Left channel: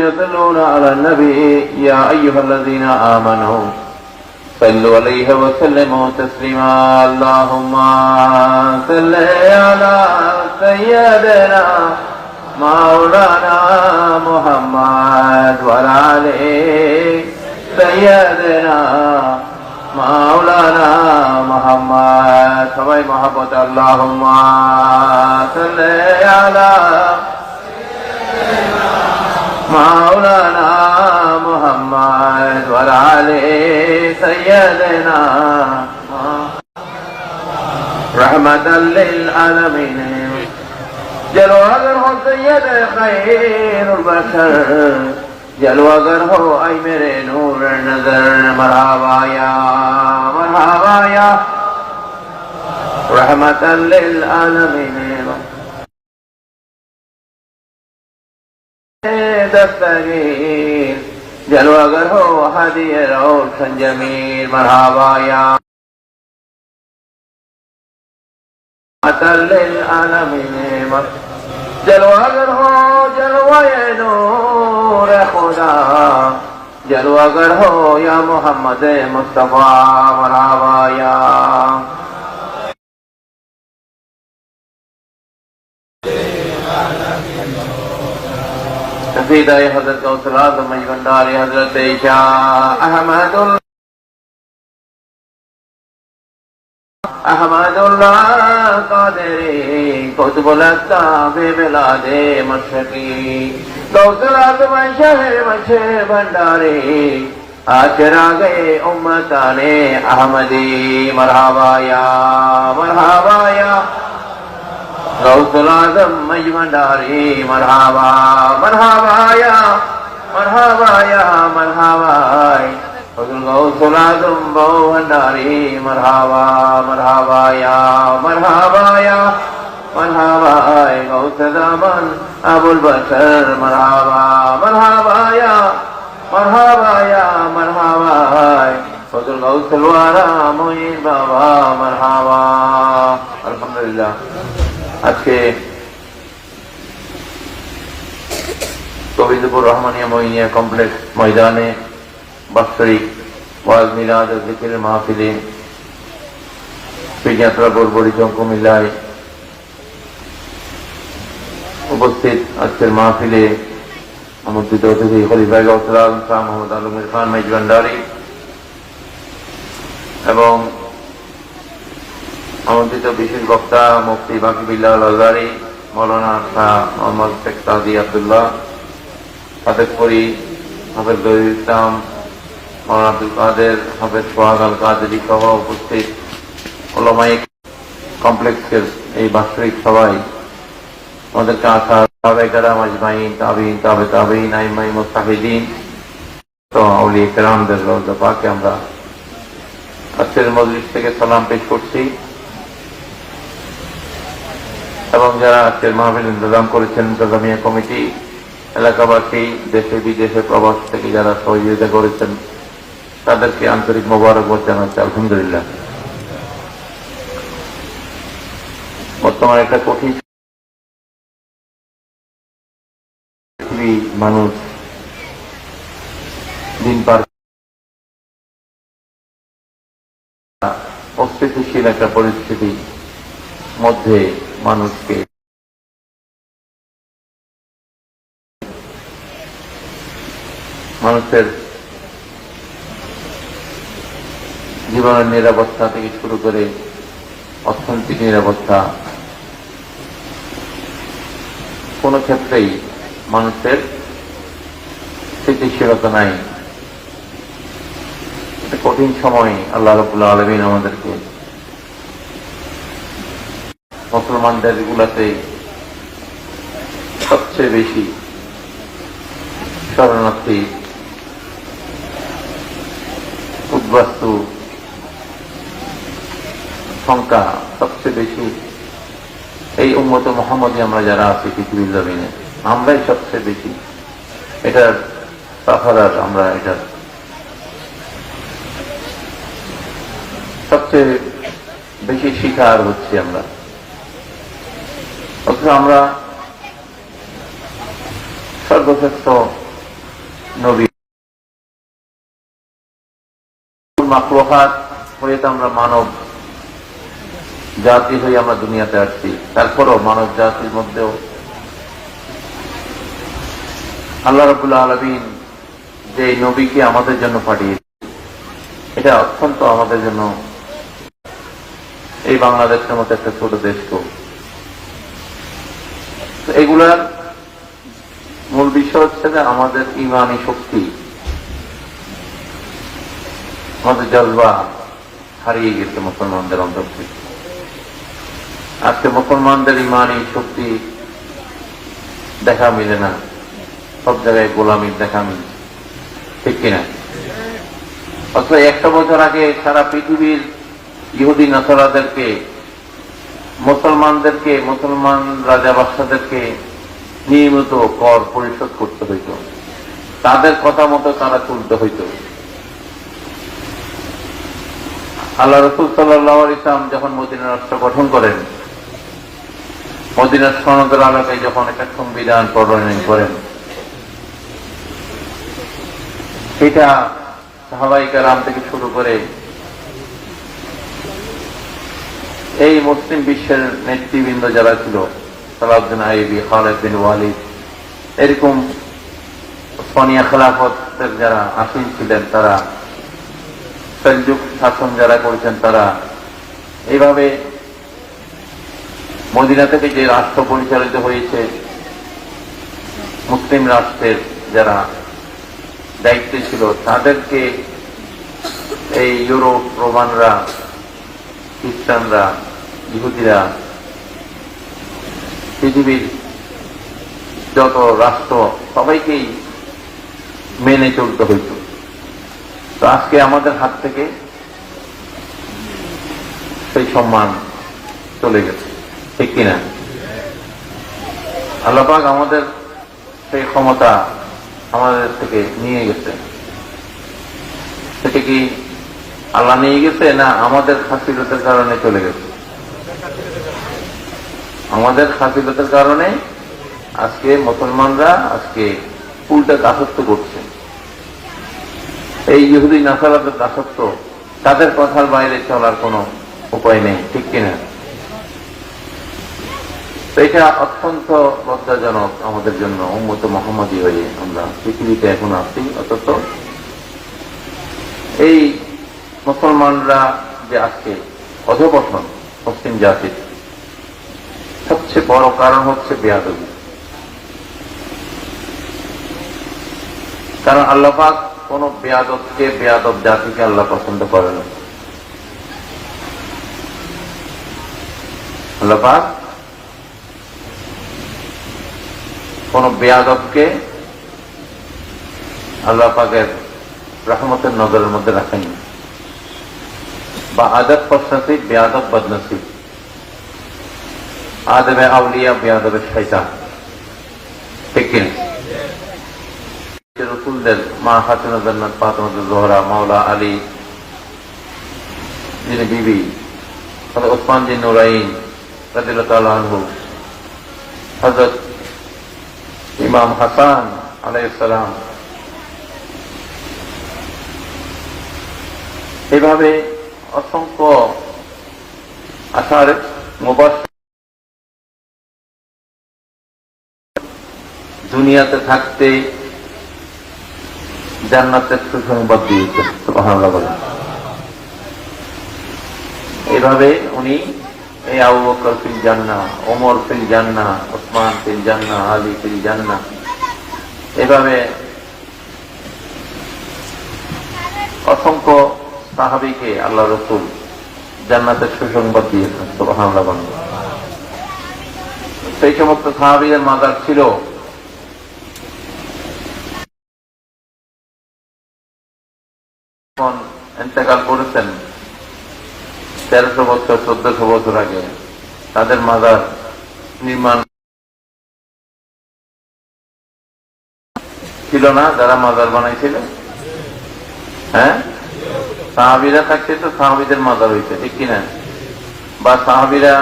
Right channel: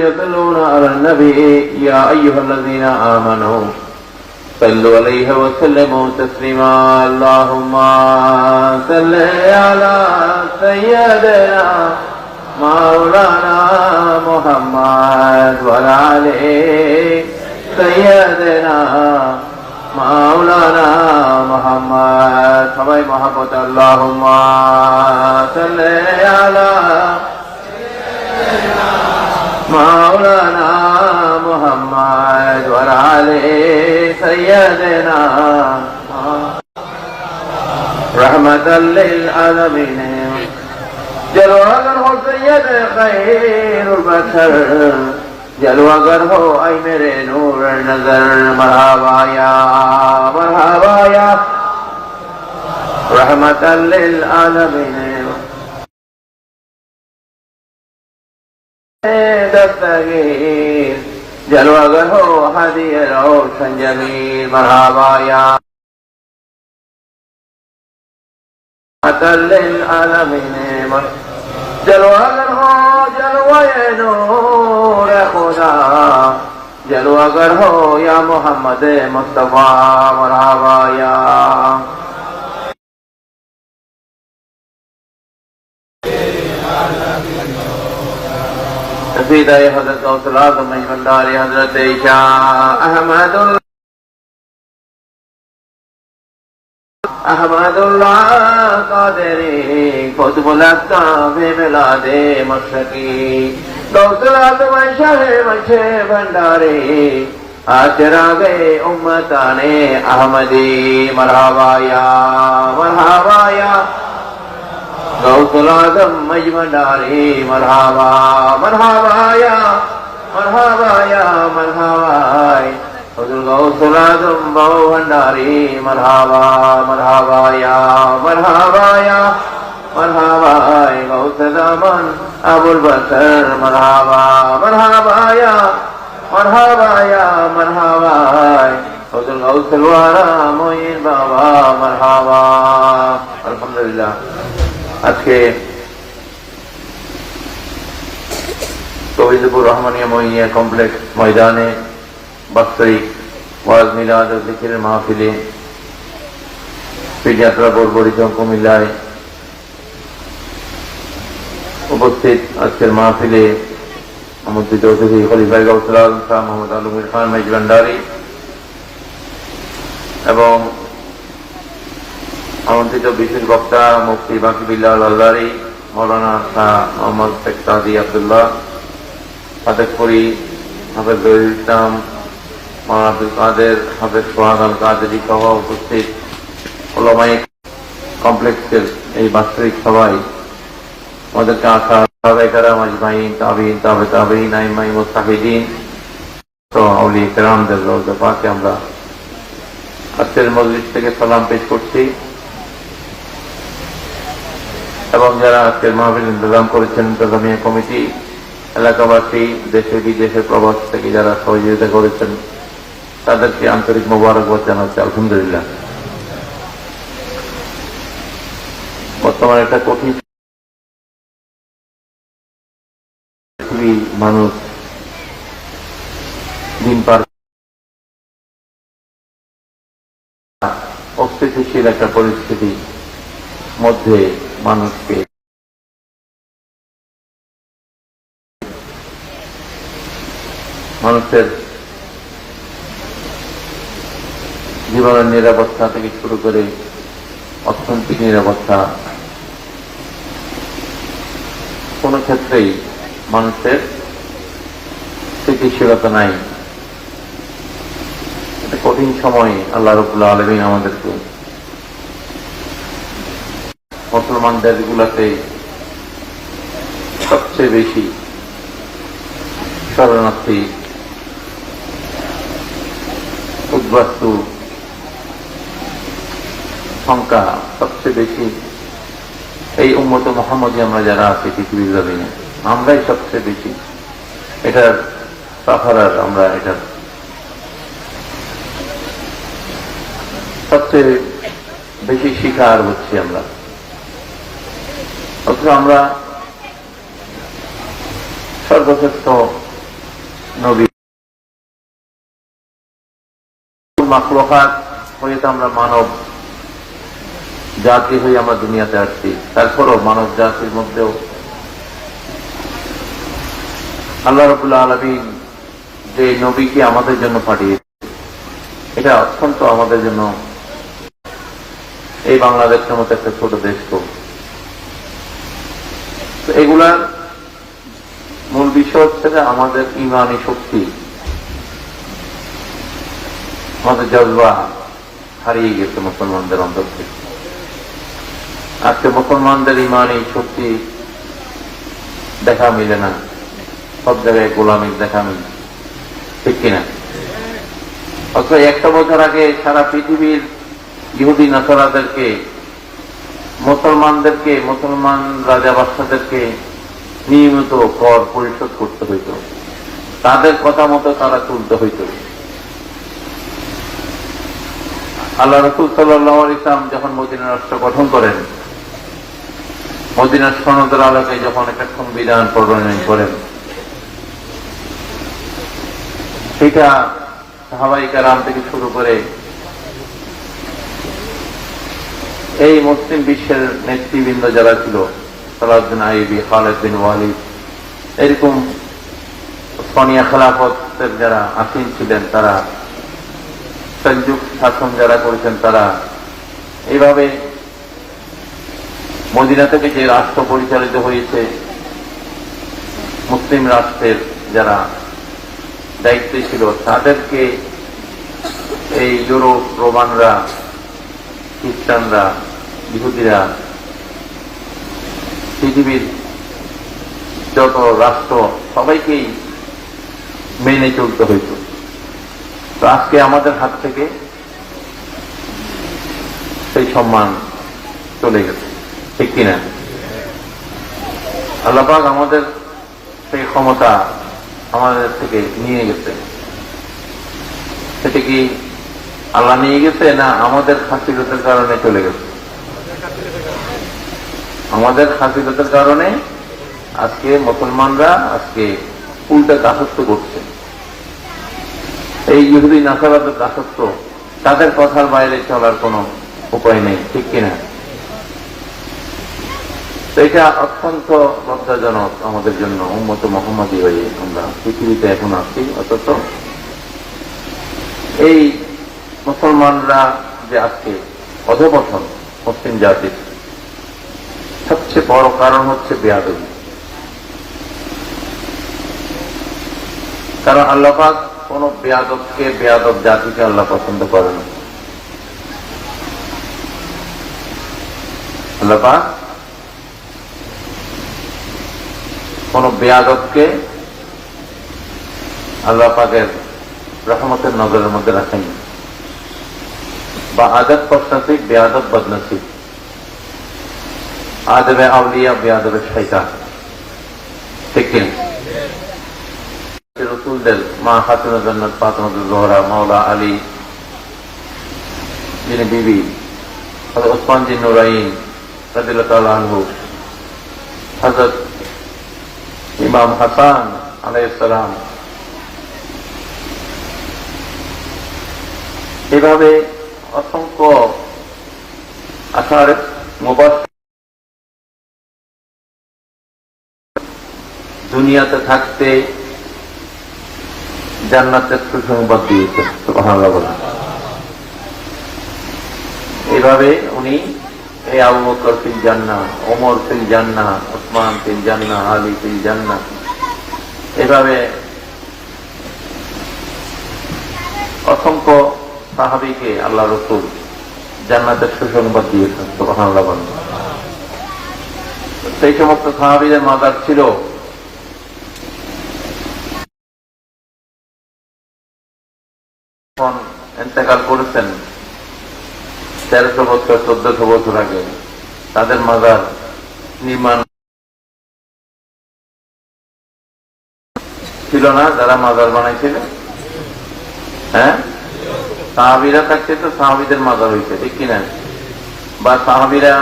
يصلون على النبي يا أيها الذين آمنوا صلوا عليه وسلموا تسليما اللهم صل على سيدنا مولانا محمد وعلى آله سيدنا مولانا محمد সবাই মহব্বত اللهم صل على مولانا محمد وعلى آله سيدنا رحمة للعالمين جلوہ گر ہو سید خیر البشر جلوہ گر ہو اے میرے نور نظر مرحبا یا رحمة للعالمين دستگیر جلوہ گر ہو ہدی روشن جمیل مرحبا یا للعالمین جلوہ گر ہو جلوہ نور خدا جلوہ گر ہو یا محمد مصطفیٰ مرحبا یا سفیدہ حضرت اوصلات و مہمندار حضرت شاہ احمد اللہ قادری قطب الاقطاب بلاد مشرقی اوصلات و شہر مچھے بھنڈاری چراغ امتان احمدی مرحبا یا غوث العظم مجمداری مرحبا یا حضور غوث العظم بھنڈاری مرحبا یا غوث زمان ابو البشر مرحبا یا حضور غوث الورا معین بابا مرحبا الحمدللہ আজকে গোবিন্দপুর রহমানিয়া মহিয়া কমপ্লেক্স ময়দানে বাৎসরিক ওয়াজ মিলাদ ও জিকিরের মাহফিলে পীরযাত্রা বোর্ড বরিশাল কুমিল্লায় উপস্থিত আজকের মাহফিলে আমন্ত্রিত অতিথি খলিফা গাউসুল আজম শাহ মোহাম্মদ আলমের খান মেজবান্ডারি এবং আমন্ত্রিত বিশেষ বক্তা মুফতি বাকিবিল্লাহ আল-আজহারি মৌলানা শাহ মোহাম্মদ শেখ সাদি আব্দুল্লাহ হাফেজ করি হাফেজ জহির ইসলাম মৌলানা আব্দুল কাদের হাফেজ সোহাগ আল কাদেরী সহ উপস্থিত ওলামায়ে কমপ্লেক্সের এই বাৎসরিক সভায় আমাদেরকে আসা সাহাবায়ে কেরাম আজমাইন তাবিঈন তাবে তাবিঈন আইম্মায়ে মুজতাহিদিন তো আউলিয়া কেরামদের রওজা পাকে আমরা আজকের মজলিস থেকে সালাম পেশ করছি এবং যারা আজকের মাহফিল ইন্তজাম করেছেন ইন্তজামিয়া কমিটি এলাকাবাসী দেশে বিদেশে প্রবাস থেকে যারা সহযোগিতা করেছেন তাদেরকে আন্তরিক মোবারকবাদ জানাচ্ছি আলহামদুলিল্লাহ। বর্তমানে একটা কঠিন মানুষ দিন পার অস্থিতিশীল একটা পরিস্থিতি মধ্যে মানুষকে মানুষের জীবনের নিরাপত্তা থেকে শুরু করে অর্থনৈতিক নিরাপত্তা কোন ক্ষেত্রেই মানুষের স্থিতিশীলতা নাই। এটা কঠিন সময় আল্লাহ রাব্বুল আলামিন আমাদেরকে মুসলমান দেশগুলোতে সবচেয়ে বেশি শরণার্থী উদ্বাস্তু সংখ্যা সবচেয়ে বেশি এই উম্মত মুহাম্মদী আমরা যারা আছি পৃথিবীর জমিনে আমরাই সবচেয়ে বেশি এটার পাহারার আমরা এটার সবচেয়ে বেশি শিকার হচ্ছি আমরা। অথচ আমরা সর্বশ্রেষ্ঠ নবী মাখলুকাত হয়ে তো আমরা মানব জাতি হয়ে আমরা দুনিয়াতে আসছি। তারপরও মানব জাতির মধ্যেও আল্লাহ রাব্বুল আলামিন যে নবীকে আমাদের জন্য পাঠিয়েছে, এটা অত্যন্ত আমাদের জন্য, এই বাংলাদেশের মতো একটা ছোট দেশ, তো এগুলার মূল বিষয় হচ্ছে যে আমাদের ইমানি শক্তি, আমাদের জজবা হারিয়ে গেছে মুসলমানদের অন্তর থেকে। আজকে মুসলমানদের ইমানি শক্তি দেখা মিলে না, সব জায়গায় গোলামির দেখা মিলে, ঠিক কিনা? অথচ 100 বছর আগে সারা পৃথিবীর ইহুদি নাসারাদেরকে, মুসলমানদেরকে, মুসলমান রাজা বাদশাদেরকে নিয়মিত কর পরিশোধ করতে হইত, তাদের কথা মতো তারা চলতে হইত। আল্লাহ রাসূল সাল্লাল্লাহু আলাইহি ওয়াসাল্লাম যখন মদিনা রাষ্ট্র গঠন করেন, মদিনার সনদের আলোকে যখন একটা সংবিধান প্রণয়ন করেন, সেটা সাহাবায়ে কেরাম থেকে শুরু করে এই মুসলিম বিশ্বের নেতৃবৃন্দ যারা ছিল, খালিদ বিন আইয়ুবী, খালিদ বিন ওয়ালিদ, এরকম সোনিয়া খেলাফতের যারা আসীন ছিলেন, তারা সেলজুক শাসন যারা করেছেন, তারা এইভাবে মদিনা থেকে যে রাষ্ট্র পরিচালিত হয়েছে, মুসলিম রাষ্ট্রের যারা দায়িত্বে ছিল, তাদেরকে এই ইউরোপ, রোমানরা, খ্রিস্টানরা, ইহুদিরা, পৃথিবীর যত রাষ্ট্র, সবাইকেই মেনে চলতে হয়েছে। তো আজকে আমাদের হাত থেকে সেই সম্মান চলে গেছে, ঠিক কিনা? আল্লাহ পাক আমাদের সেই ক্ষমতা আমাদের থেকে নিয়ে গেছে। সেটা কি আল্লাহ নিয়ে গেছে, না আমাদের খাসিলতের কারণে চলে গেছে? আমাদের খাসিলতের কারণে আজকে মুসলমানরা আজকে উল্টা দাসত্ব করছে। এই ইহুদি নাসারাদের দাসত্ব, তাদের কথার বাইরে চলার কোনো উপায় নেই, ঠিক কিনা? এটা অত্যন্ত লজ্জাজনক আমাদের জন্য। উম্মত মুহাম্মাদী হয়ে আমরা পৃথিবীতে এখন আছি, অথচ এই মুসলমানরা যে আজকে অধঃপতন মুসলিম জাতির সবচেয়ে বড় কারণ হচ্ছে বেয়াদবি। কারণ আল্লাহ পাক কোন বেয়াদবকে, বেয়াদব জাতিকে আল্লাহ পছন্দ করে না। আল্লাহ পাক কোন বেয়াদবকে আল্লাহ পাকের রহমতের নজরের মধ্যে রাখেন, বা আদব খুশনসিব, বেয়াদব বদনসিব, আদবে আউলিয়া, বেয়াদবে শয়তান, ঠিক কিনা? রসুলদের মা খাতুন জান্নাত ফাতিমাতুজ জোহরা, মাওলা আলী, যিনি বিবি, হযরত ওসমান বিন নুরাইন রাদিয়াল্লাহু তাআলা আনহু, হযরত ইমাম হাসান আলাইহিস সালাম, এভাবে অসংখ্য আশারে মুবাশশির দুনিয়াতে থাকতে জান্নাতের সুসংবাদ দিয়েছেন, সুবহানাল্লাহ বলেন। এইভাবে উনি এই আবু বকর ফিল জান্নাহ, ওমর ফিল জান্নাহ, ওসমান ফিল জান্নাহ, আলী ফিল জান্নাহ, এভাবে অসংখ্য সাহাবীকে আল্লাহ রাসূল জান্নাতের সুসংবাদ দিয়েছেন, সুবহানাল্লাহ বলেন। সেই সমস্ত সাহাবীদের মাজার ছিল ইন্তেকাল করেছেন 1300 বছর, 1400 বছর আগে, তাদের মাজার নির্মাণ ছিল না, যারা মাজার বানাইছিল। হ্যাঁ, সাহাবীরা থাকতে তো সাহাবীদের মাজার হয়েছে, ঠিক কিনা? বা সাহাবীরা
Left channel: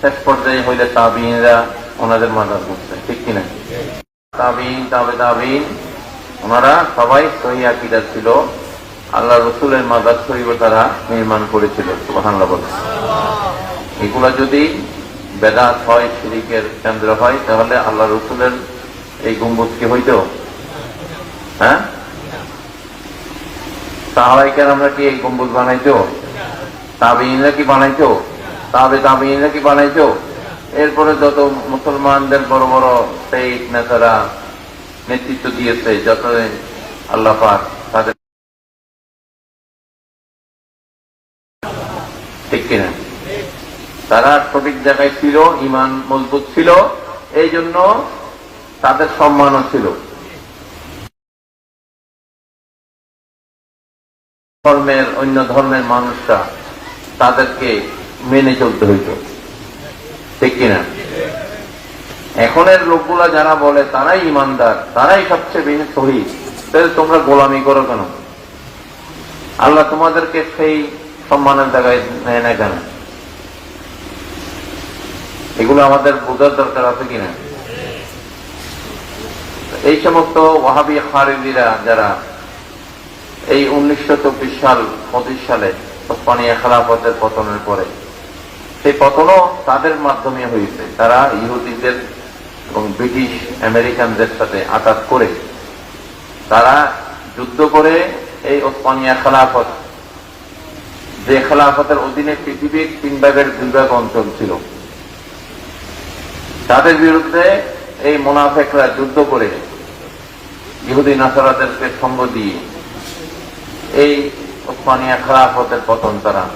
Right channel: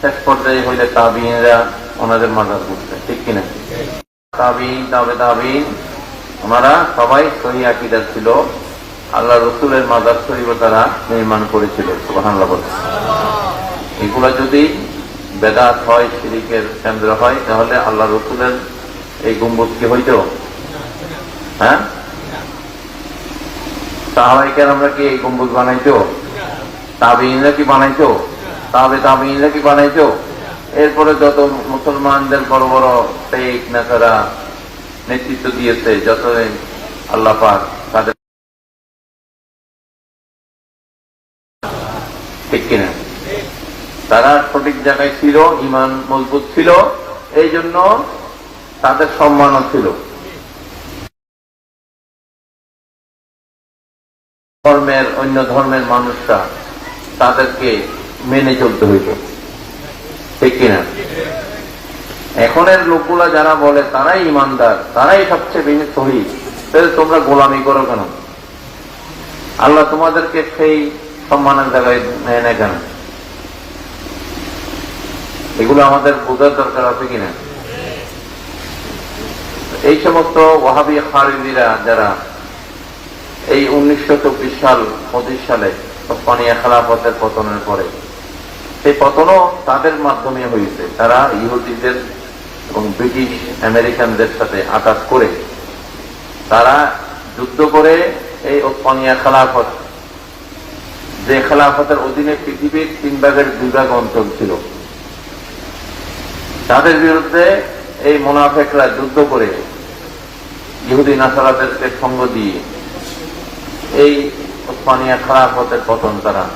শেষ পর্যায়ে হইলে তাবিঈনরা ওনাদের মাজার করছে, ঠিক কিনা? তাবিঈন, তাবে তাবিঈন, ওনারা সবাই সহি আকীদা ছিল, আল্লাহ রসুলের মাজার শরীফ তারা নির্মাণ করেছিল। সুবহানাল্লাহ বলছে। এগুলা যদি বেদাত হয়, শিরকের কেন্দ্র হয়, তাহলে আল্লাহ রসুলের এই গম্বুজ কি হইতো? হ্যাঁ, সাহাবায়ে আমরা কি এই গম্বুজ বানাইতো? তাবেঈনরা কি বানাইতো? তাবেঈনরা কি বানাইতো? এরপরে যত মুসলমানদের বড় বড় শেখ নেতারা নেতৃত্ব দিয়েছে, যত আল্লাহ পাক তাদের, ঠিক কিনা? তারা সঠিক জায়গায় ছিল, ঈমান মজবুত ছিল, এই জন্য তাদের সম্মানও ছিল। ধর্মের অন্য ধর্মের মানুষরা তাদেরকে মেনে চলতে হইত, ঠিক কিনা? এখনের লোকগুলা যারা বলে তারাই ইমানদার, তারাই সবচেয়ে বেশি শহীদ, তাহলে তোমরা গোলামি করো কেন? আল্লাহ তোমাদেরকে সেই সম্মানের জায়গায় নেয় না কেন? এগুলো আমাদের বোঝার দরকার আছে কিনা? এই সমস্ত ওয়াহাবি খারিজিরা যারা এই 1924 সাল 25 সালে ওসমানিয়া খেলাফতের পতনের পরে, সেই পতনও তাদের মাধ্যমে হয়েছে। তারা ইহুদিদের এবং ব্রিটিশ আমেরিকানদের সাথে আঘাত করে তারা যুদ্ধ করে এই ওসমানিয়া খেলাফত, যে খেলাফতের অধীনে পৃথিবীর 3 ভাগের 2 ভাগ অঞ্চল ছিল, তাদের বিরুদ্ধে এই মুনাফিকরা যুদ্ধ করে ইহুদি নাসারাদেরকে সঙ্গ দিয়ে এই ওসমানিয়া খেলাফতের পতন করান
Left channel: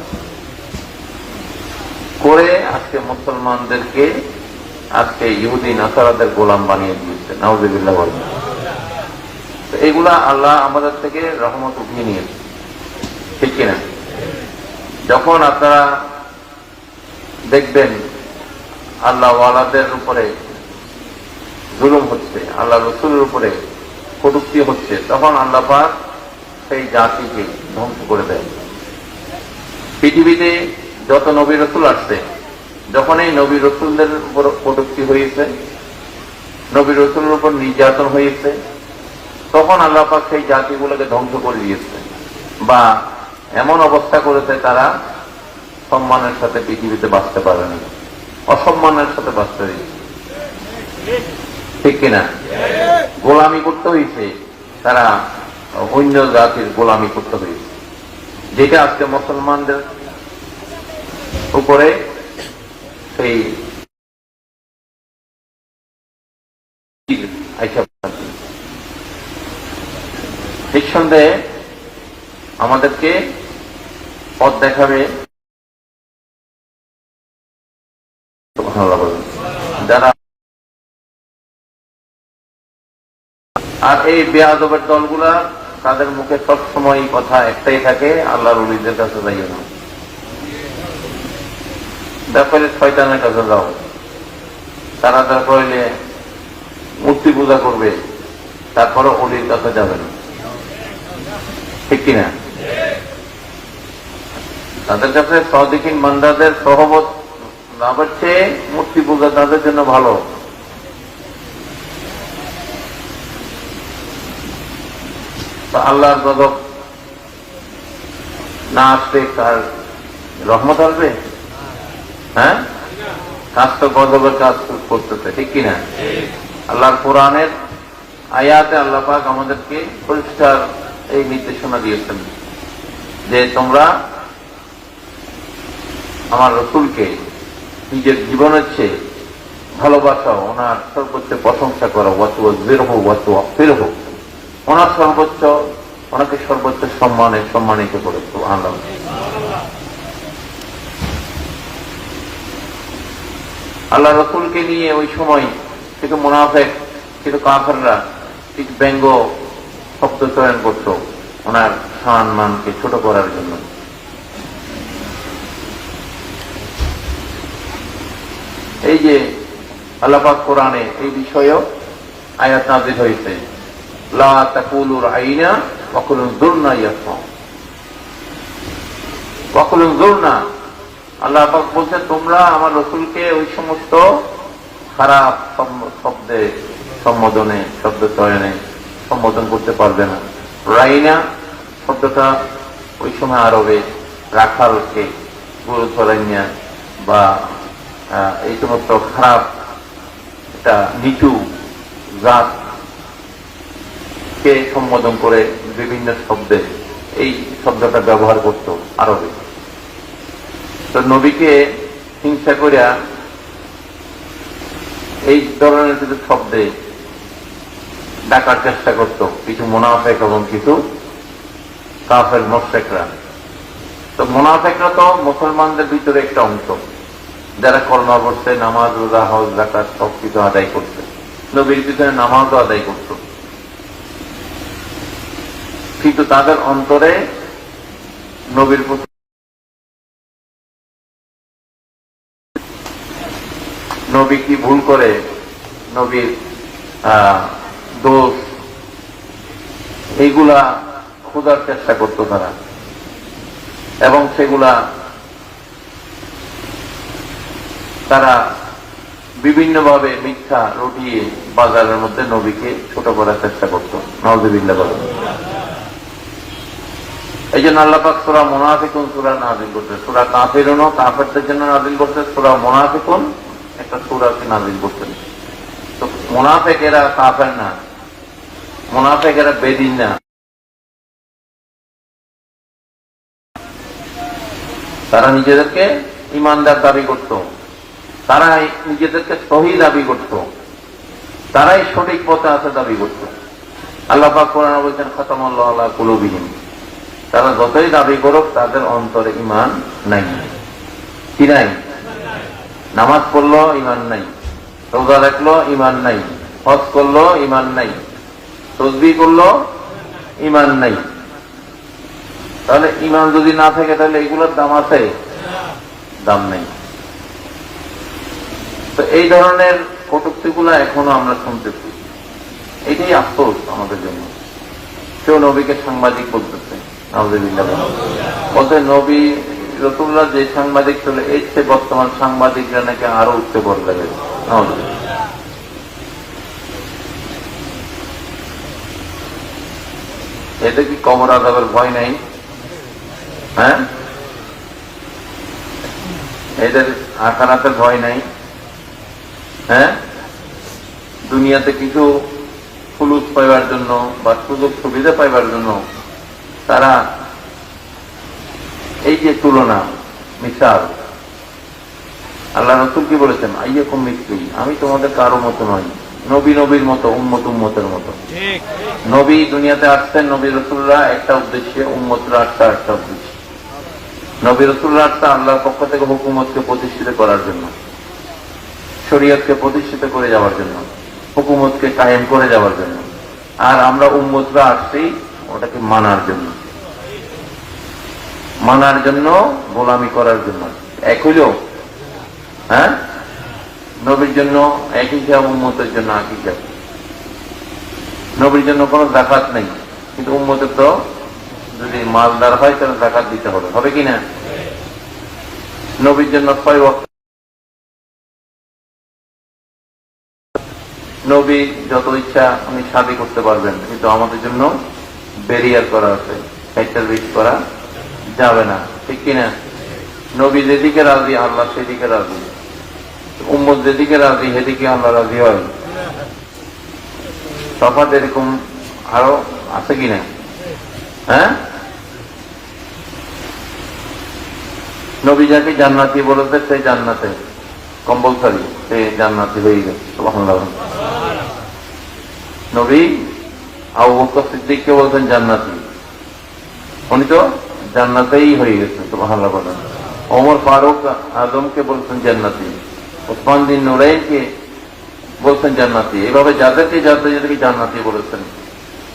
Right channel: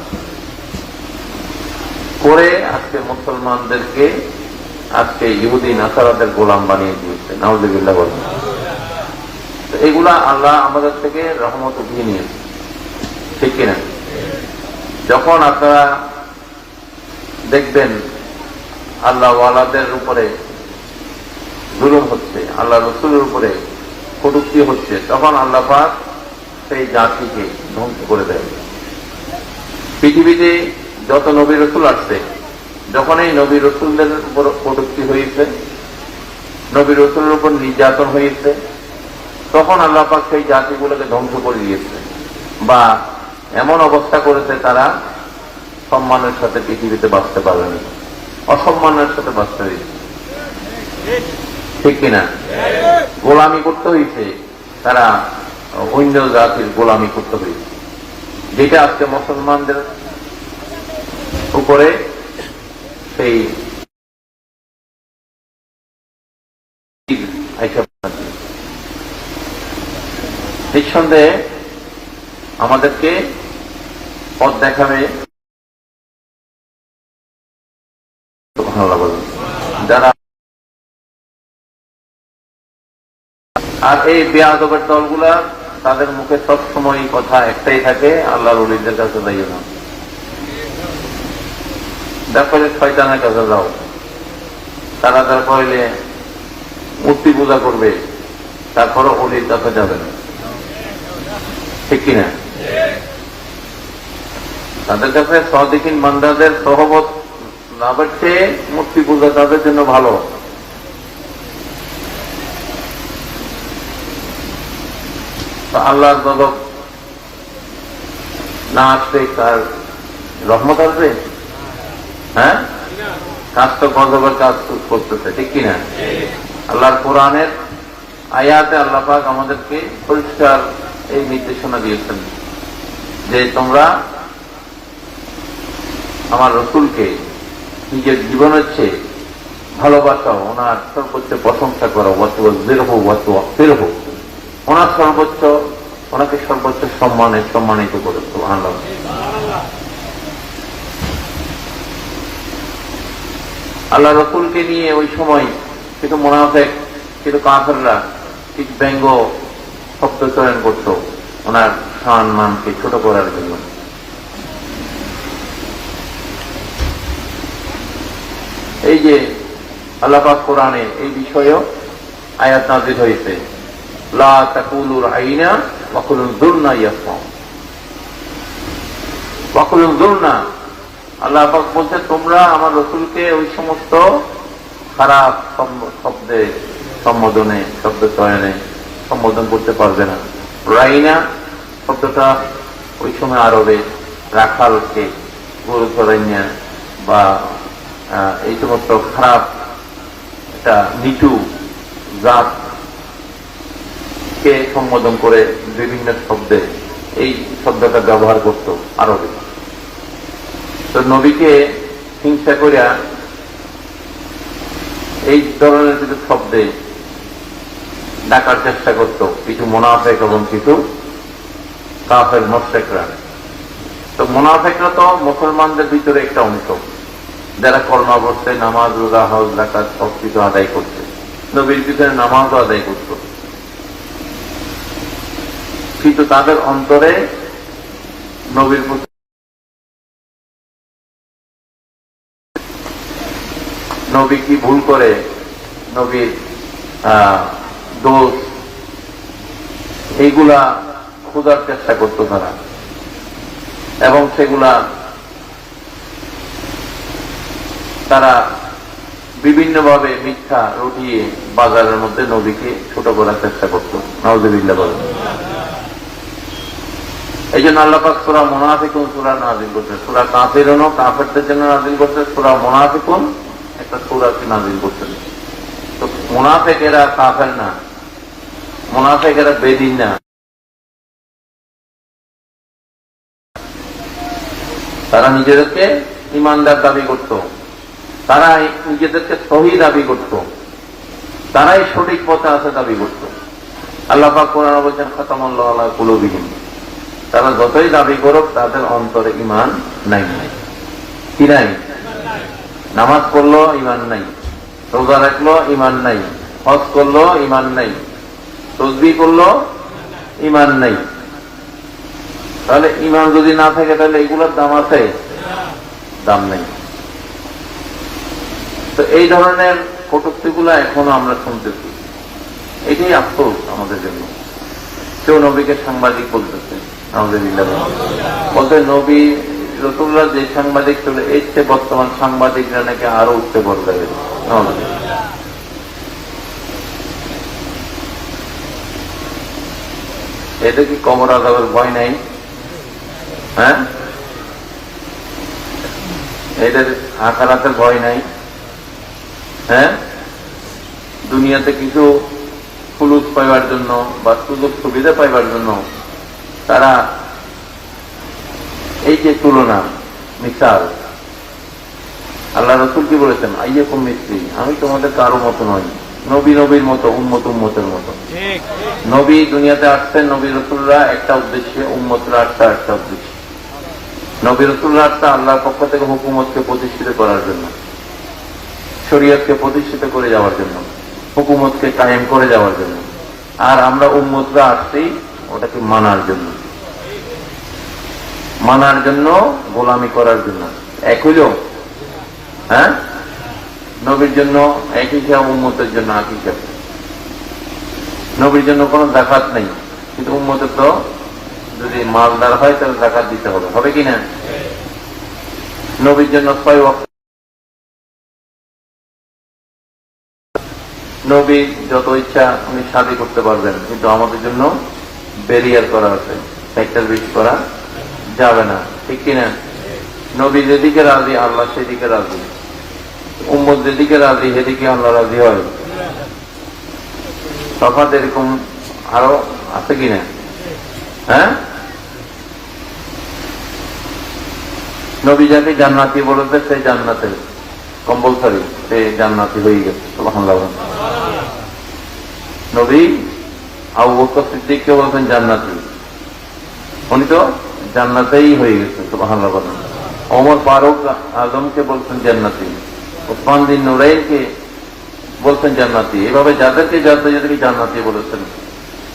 করে আজকে মুসলমানদেরকে আজকে ইহুদি নাসারাদের গোলাম বানিয়ে দিয়েছে। নাউযুবিল্লাহ বলবেন। এগুলা আল্লাহ আমাদের থেকে রহমত উঠিয়ে নিয়েছে, ঠিক কিনা? যখন আপনারা দেখবেন আল্লাহ ওয়ালাদের উপরে জুলুম হচ্ছে, আল্লাহ রসুলের উপরে কটূক্তি হচ্ছে, তখন আল্লাহ পাক সেই জাতিকে ধ্বংস করে দেয়। পৃথিবীতে যত নবী রসুল আসছে, যখন এই নবী রসুলদের উপর কটূক্তি হয়েছে, নবী রসুলের উপর নির্যাতন হয়েছে, তখন আল্লাহ পাক সেই জাতিগুলোকে ধ্বংস করে দিয়েছে, বা এমন অবস্থা করেছে তারা সম্মানের সাথে পৃথিবীতে বাঁচতে পারবে না, অসম্মানের সাথে বাঁচতে হয়েছে, ঠিক কিনা? গোলামি করতে হয়েছে, তারা অন্য জাতির গোলামি করতে হয়েছে, যেটা আজকে মুসলমানদের উপরে সেই নিঃসন্দেহে আমাদেরকে পথ দেখাবে যারা। আর এই বেয়াদবের দলগুলা, তাদের মুখে সবসময় কথা একটাই থাকে, আল্লাহর ওলিদের কাছে যাইও না, ব্যাপারে শয়তানের কাছে যাও। তারা তারপরে মূর্তি পূজা করবে, তারপরে ওলির কাছে যাবে না, ঠিক কিনা? তাদের কাছে সদিকিন বান্দাদের সহবত লাভের চেয়ে মূর্তি পূজা তাদের জন্য ভালো। তো আল্লাহর গজব না আসলে কার রহমত আসবে? হ্যাঁ, কাজ তো গজবের কাজ করতেছে, ঠিক কিনা? আল্লাহর কোরআনের আয়াতে আল্লাহ পাক আমাদেরকে পরিষ্কার এই নির্দেশনা দিয়েছেন যে তোমরা আমার রসুলকে নিজের জীবনের চেয়ে ভালোবাসো, ওনার সর্বোচ্চ প্রশংসা করো, ওনার সর্বোচ্চ, ওনাকে সর্বোচ্চ সম্মানিত করো। সুবহানাল্লাহ। আল্লাহ রসুলকে নিয়ে ওই সময় কিছু মুনাফিক, কিছু কাফেররা ঠিক ব্যঙ্গ শব্দ চয়ন করত ওনার সম্মানকে ছোট করার জন্য। এই যে আল্লাহ পাক কোরআনে এই বিষয়েও আয়াত নাযিল হয়েছে, লা তাকুলু রাইনা ওয়া কুলু যুরনা ইয়াসা ওয়া কুলু যুরনা। আল্লাহ পাক বলছে তোমরা আমার রসুলকে ওই সমস্ত খারাপ শব্দে, সম্বোধনে, শব্দ চয়নে সম্বোধন করতে পারবে না। রাইনা শব্দটা ওই সময় আরবে রাখালকে, গরু চড়াইয়া বা এই সমস্ত খারাপ একটা নিচু জাতকে সম্বোধন করে বিভিন্ন শব্দে এই শব্দটা ব্যবহার করত আরবে। তো নবীকে হিংসা করিয়া এই ধরনের কিছু শব্দে ডাকার চেষ্টা করত কিছু মুনাফিক এবং কিছু কাফের মুশরিকরা। তো মুনাফিকরা তো মুসলমানদের ভিতরে একটা অংশ, যারা কলমা পড়ছে, নামাজ, রোজা, হজ, যাকাত সব কিছু আদায় করছে, নবীর পিছনে নামাজও আদায় করত, কিন্তু তাদের অন্তরে নবীর প্রতি নবী কি ভুল করে, নবীর দোষ, এইগুলা খোঁজার চেষ্টা করত তারা, এবং সেগুলা তারা বিভিন্নভাবে মিথ্যা রটিয়ে বাজারের মধ্যে নবীকে ছোট করার চেষ্টা করত। নাউযুবিল্লাহ বলেন। এই জন্য আল্লাহ পাক সূরা মুনাফিকুন সূরা নাযিল করতে, সূরা কাফিরুনও কাফেরদের জন্য নাযিল করতে, সূরা মুনাফিকুন একটা সূরা কি নাযিল করতেন। তো মুনাফিকেরা কাফের না, মুনাফিকেরা বেদিন না, তারা নিজেদেরকে ইমানদার দাবি করত, তারাই নিজেদেরকে সহি দাবি করত, তারাই সঠিক পথে আছে দাবি করত। আল্লাহ পাক কোরআনে বলেছেন খাতামাল্লাহু আলা কুলুবিহিম, তারা যতই দাবি করুক তাদের অন্তরে ঈমান নাই। কি নাই? নামাজ পড়লো ঈমান নাই, রোজা রাখলো ঈমান নাই, হজ করলো ঈমান নাই, তাসবিহ করলো ঈমান নাই। তাহলে ঈমান যদি না থাকে তাহলে এগুলোর দাম আছে? দাম নেই। তো এই ধরনের কটূক্তিগুলো এখনো আমরা শুনতেছি। এটাই আফসোস আমাদের জন্য। কেউ নবীকে সাংবাদিক বলতেছে, বলতে নবী রাসূলুল্লাহ যে সাংবাদিক ছিল এর চেয়ে বর্তমান সাংবাদিকরা নাকি আরো উঠতে পড়বে। এতে কি কবর আযাবের ভয় নাই? হ্যাঁ, এদের আখিরাতের ভয় নাই? হ্যাঁ, দুনিয়াতে কিছু ফুলুস পাইবার জন্য বা সুযোগ সুবিধা পাইবার জন্য তারা এই যে তুলনা, মিসাল, আল্লাহ রাসূল কি বলেছেন? আইয়াকুম মিসলি, আমি তোমাদের কারো মতো নই, নবী নবীর মতো, উম্মত উম্মতের মতো। নবী দুনিয়াতে আসছেন, নবী রাসূলরা একটা উদ্দেশ্যে, উম্মতরা আসছে একটা উদ্দেশ্যে। নবী রাসূলরা আসছে আল্লাহর পক্ষ থেকে হুকুমতকে প্রতিষ্ঠিত করার জন্য, শরীয়তকে প্রতিষ্ঠিত করে যাওয়ার জন্য, হুকুমতকে কায়েম করে যাওয়ার জন্য। আর আমরা উম্মতরা আসছি ওটাকে মানার জন্য, মানার জন্য, গোলামি করার জন্য। এক হইল? হ্যাঁ, নবীর জন্য এক হিসাব, উম্মতের জন্য এক হিসাব। নবীর জন্য কোনো যাকাত নেই, কিন্তু উম্মতের তো যদি মালদার হয় তাহলে যাকাত দিতে হবে, হবে কি না? নবীর জন্য 6 ওয়াক্ত, নবী যত ইচ্ছা উনি শাদী করতে পারবেন, কিন্তু আমাদের জন্য ব্যারিয়ার করা আছে, স্যাক্রিফাইস করা যাবে না, ঠিক কিনা? নবী যেদিকে রাজি আল্লাহ সেদিকে রাজি, উম্মত যেদিকে রাজি সেদিকে আমরা রাজি হয়। তফাৎ এরকম আরো আছে কিনা? হ্যাঁ, নবী যাকে জান্নাতি বলেছে সেই জান্নাতে কম্পালসারি, সে জান্নাতি হয়ে গেছে। সুবহানাল্লাহ। নবী আবু বকর সিদ্দিককে বলছেন জান্নাতি, উনি তো জান্নাতেই হয়ে গেছে। সুবহানাল্লাহ। ওমর ফারুক আজমকে বলছেন জান্নাতি, ওসমান বিন নুরাইনকে বলছেন জান্নাতি। এভাবে যাদেরকে যাদেরকে জান্নাতি বলেছেন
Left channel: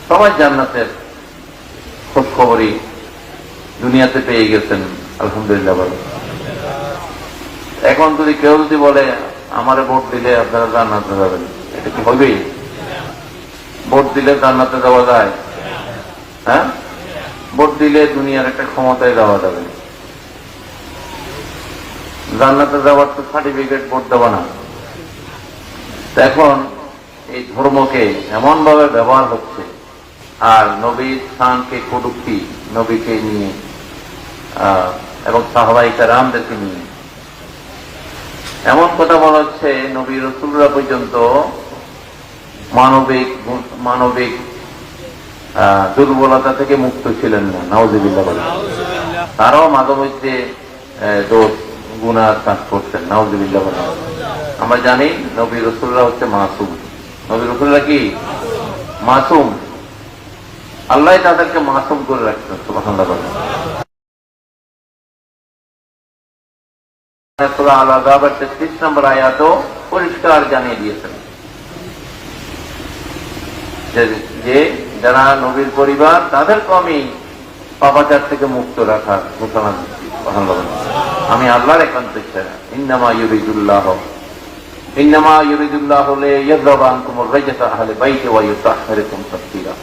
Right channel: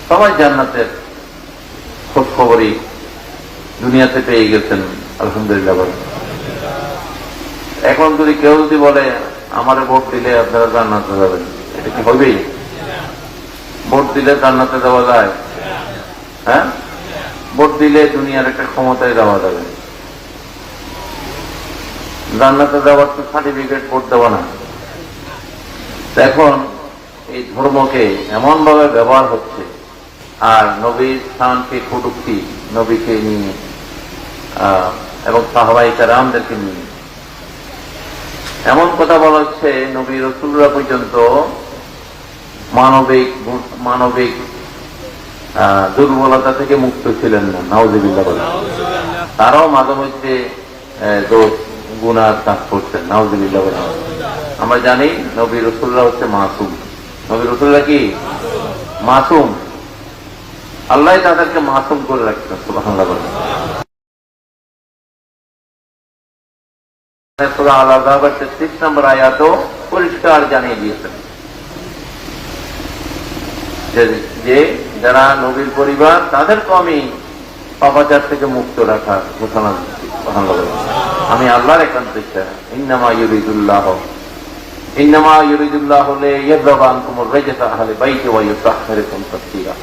সবাই জান্নাতের খোঁজ খবরই দুনিয়াতে পেয়ে গেছেন। আলহামদুলিল্লাহ। এখন যদি কেউ যদি বলে আমারে ভোট দিলে আপনারা জান্নাতে যাবেন, এটা কি হবে? ভোট দিলে জান্নাতে যাওয়া যায়? হ্যাঁ, ভোট দিলে দুনিয়ার একটা ক্ষমতায় যাওয়া যাবে। জান্নাতে যাওয়ার তো সার্টিফিকেট ভোট দেওয়া না। এখন এই ধর্মকে এমন ভাবে ব্যবহার হচ্ছে আর নবীর স্থানকে কটূক্তি নবীকে নিয়ে এবং সাহাবায়ে কেরামদেরকে নিয়ে এমন কথা বলা হচ্ছে, নবী রাসূলরা পর্যন্ত মানবিক দুর্বলতা থেকে মুক্ত ছিলেন না। নাউযুবিল্লাহ। তারাও মাঝে মধ্যে দোষ গুনাহ কাজ করতেন। নাউযুবিল্লাহ। আমরা জানি নবী রাসূলরা হচ্ছে মাসুম। নবী রাসূলরা কি মাসুম? আল্লাহ তাদেরকে মাসুম করে রাখতেন। সুবহানাল্লাহ। সূরা আল-আযাবের 33 নম্বর আয়াতও পরিষ্কার জানিয়ে দিয়েছেন যে যারা নবীর পরিবার তাদেরকে আমি পাপাচার থেকে মুক্ত রাখার ঘোষণা দিচ্ছি। আমি আল্লাহর একান্ত ইচ্ছা। ইন্নামা ইউরিদুল্লাহু লিয়াযহাবা আনকুমুর রাজসা আহলে বাইতি ওয়া ইউতাহহিরাকুম তাতহীরা।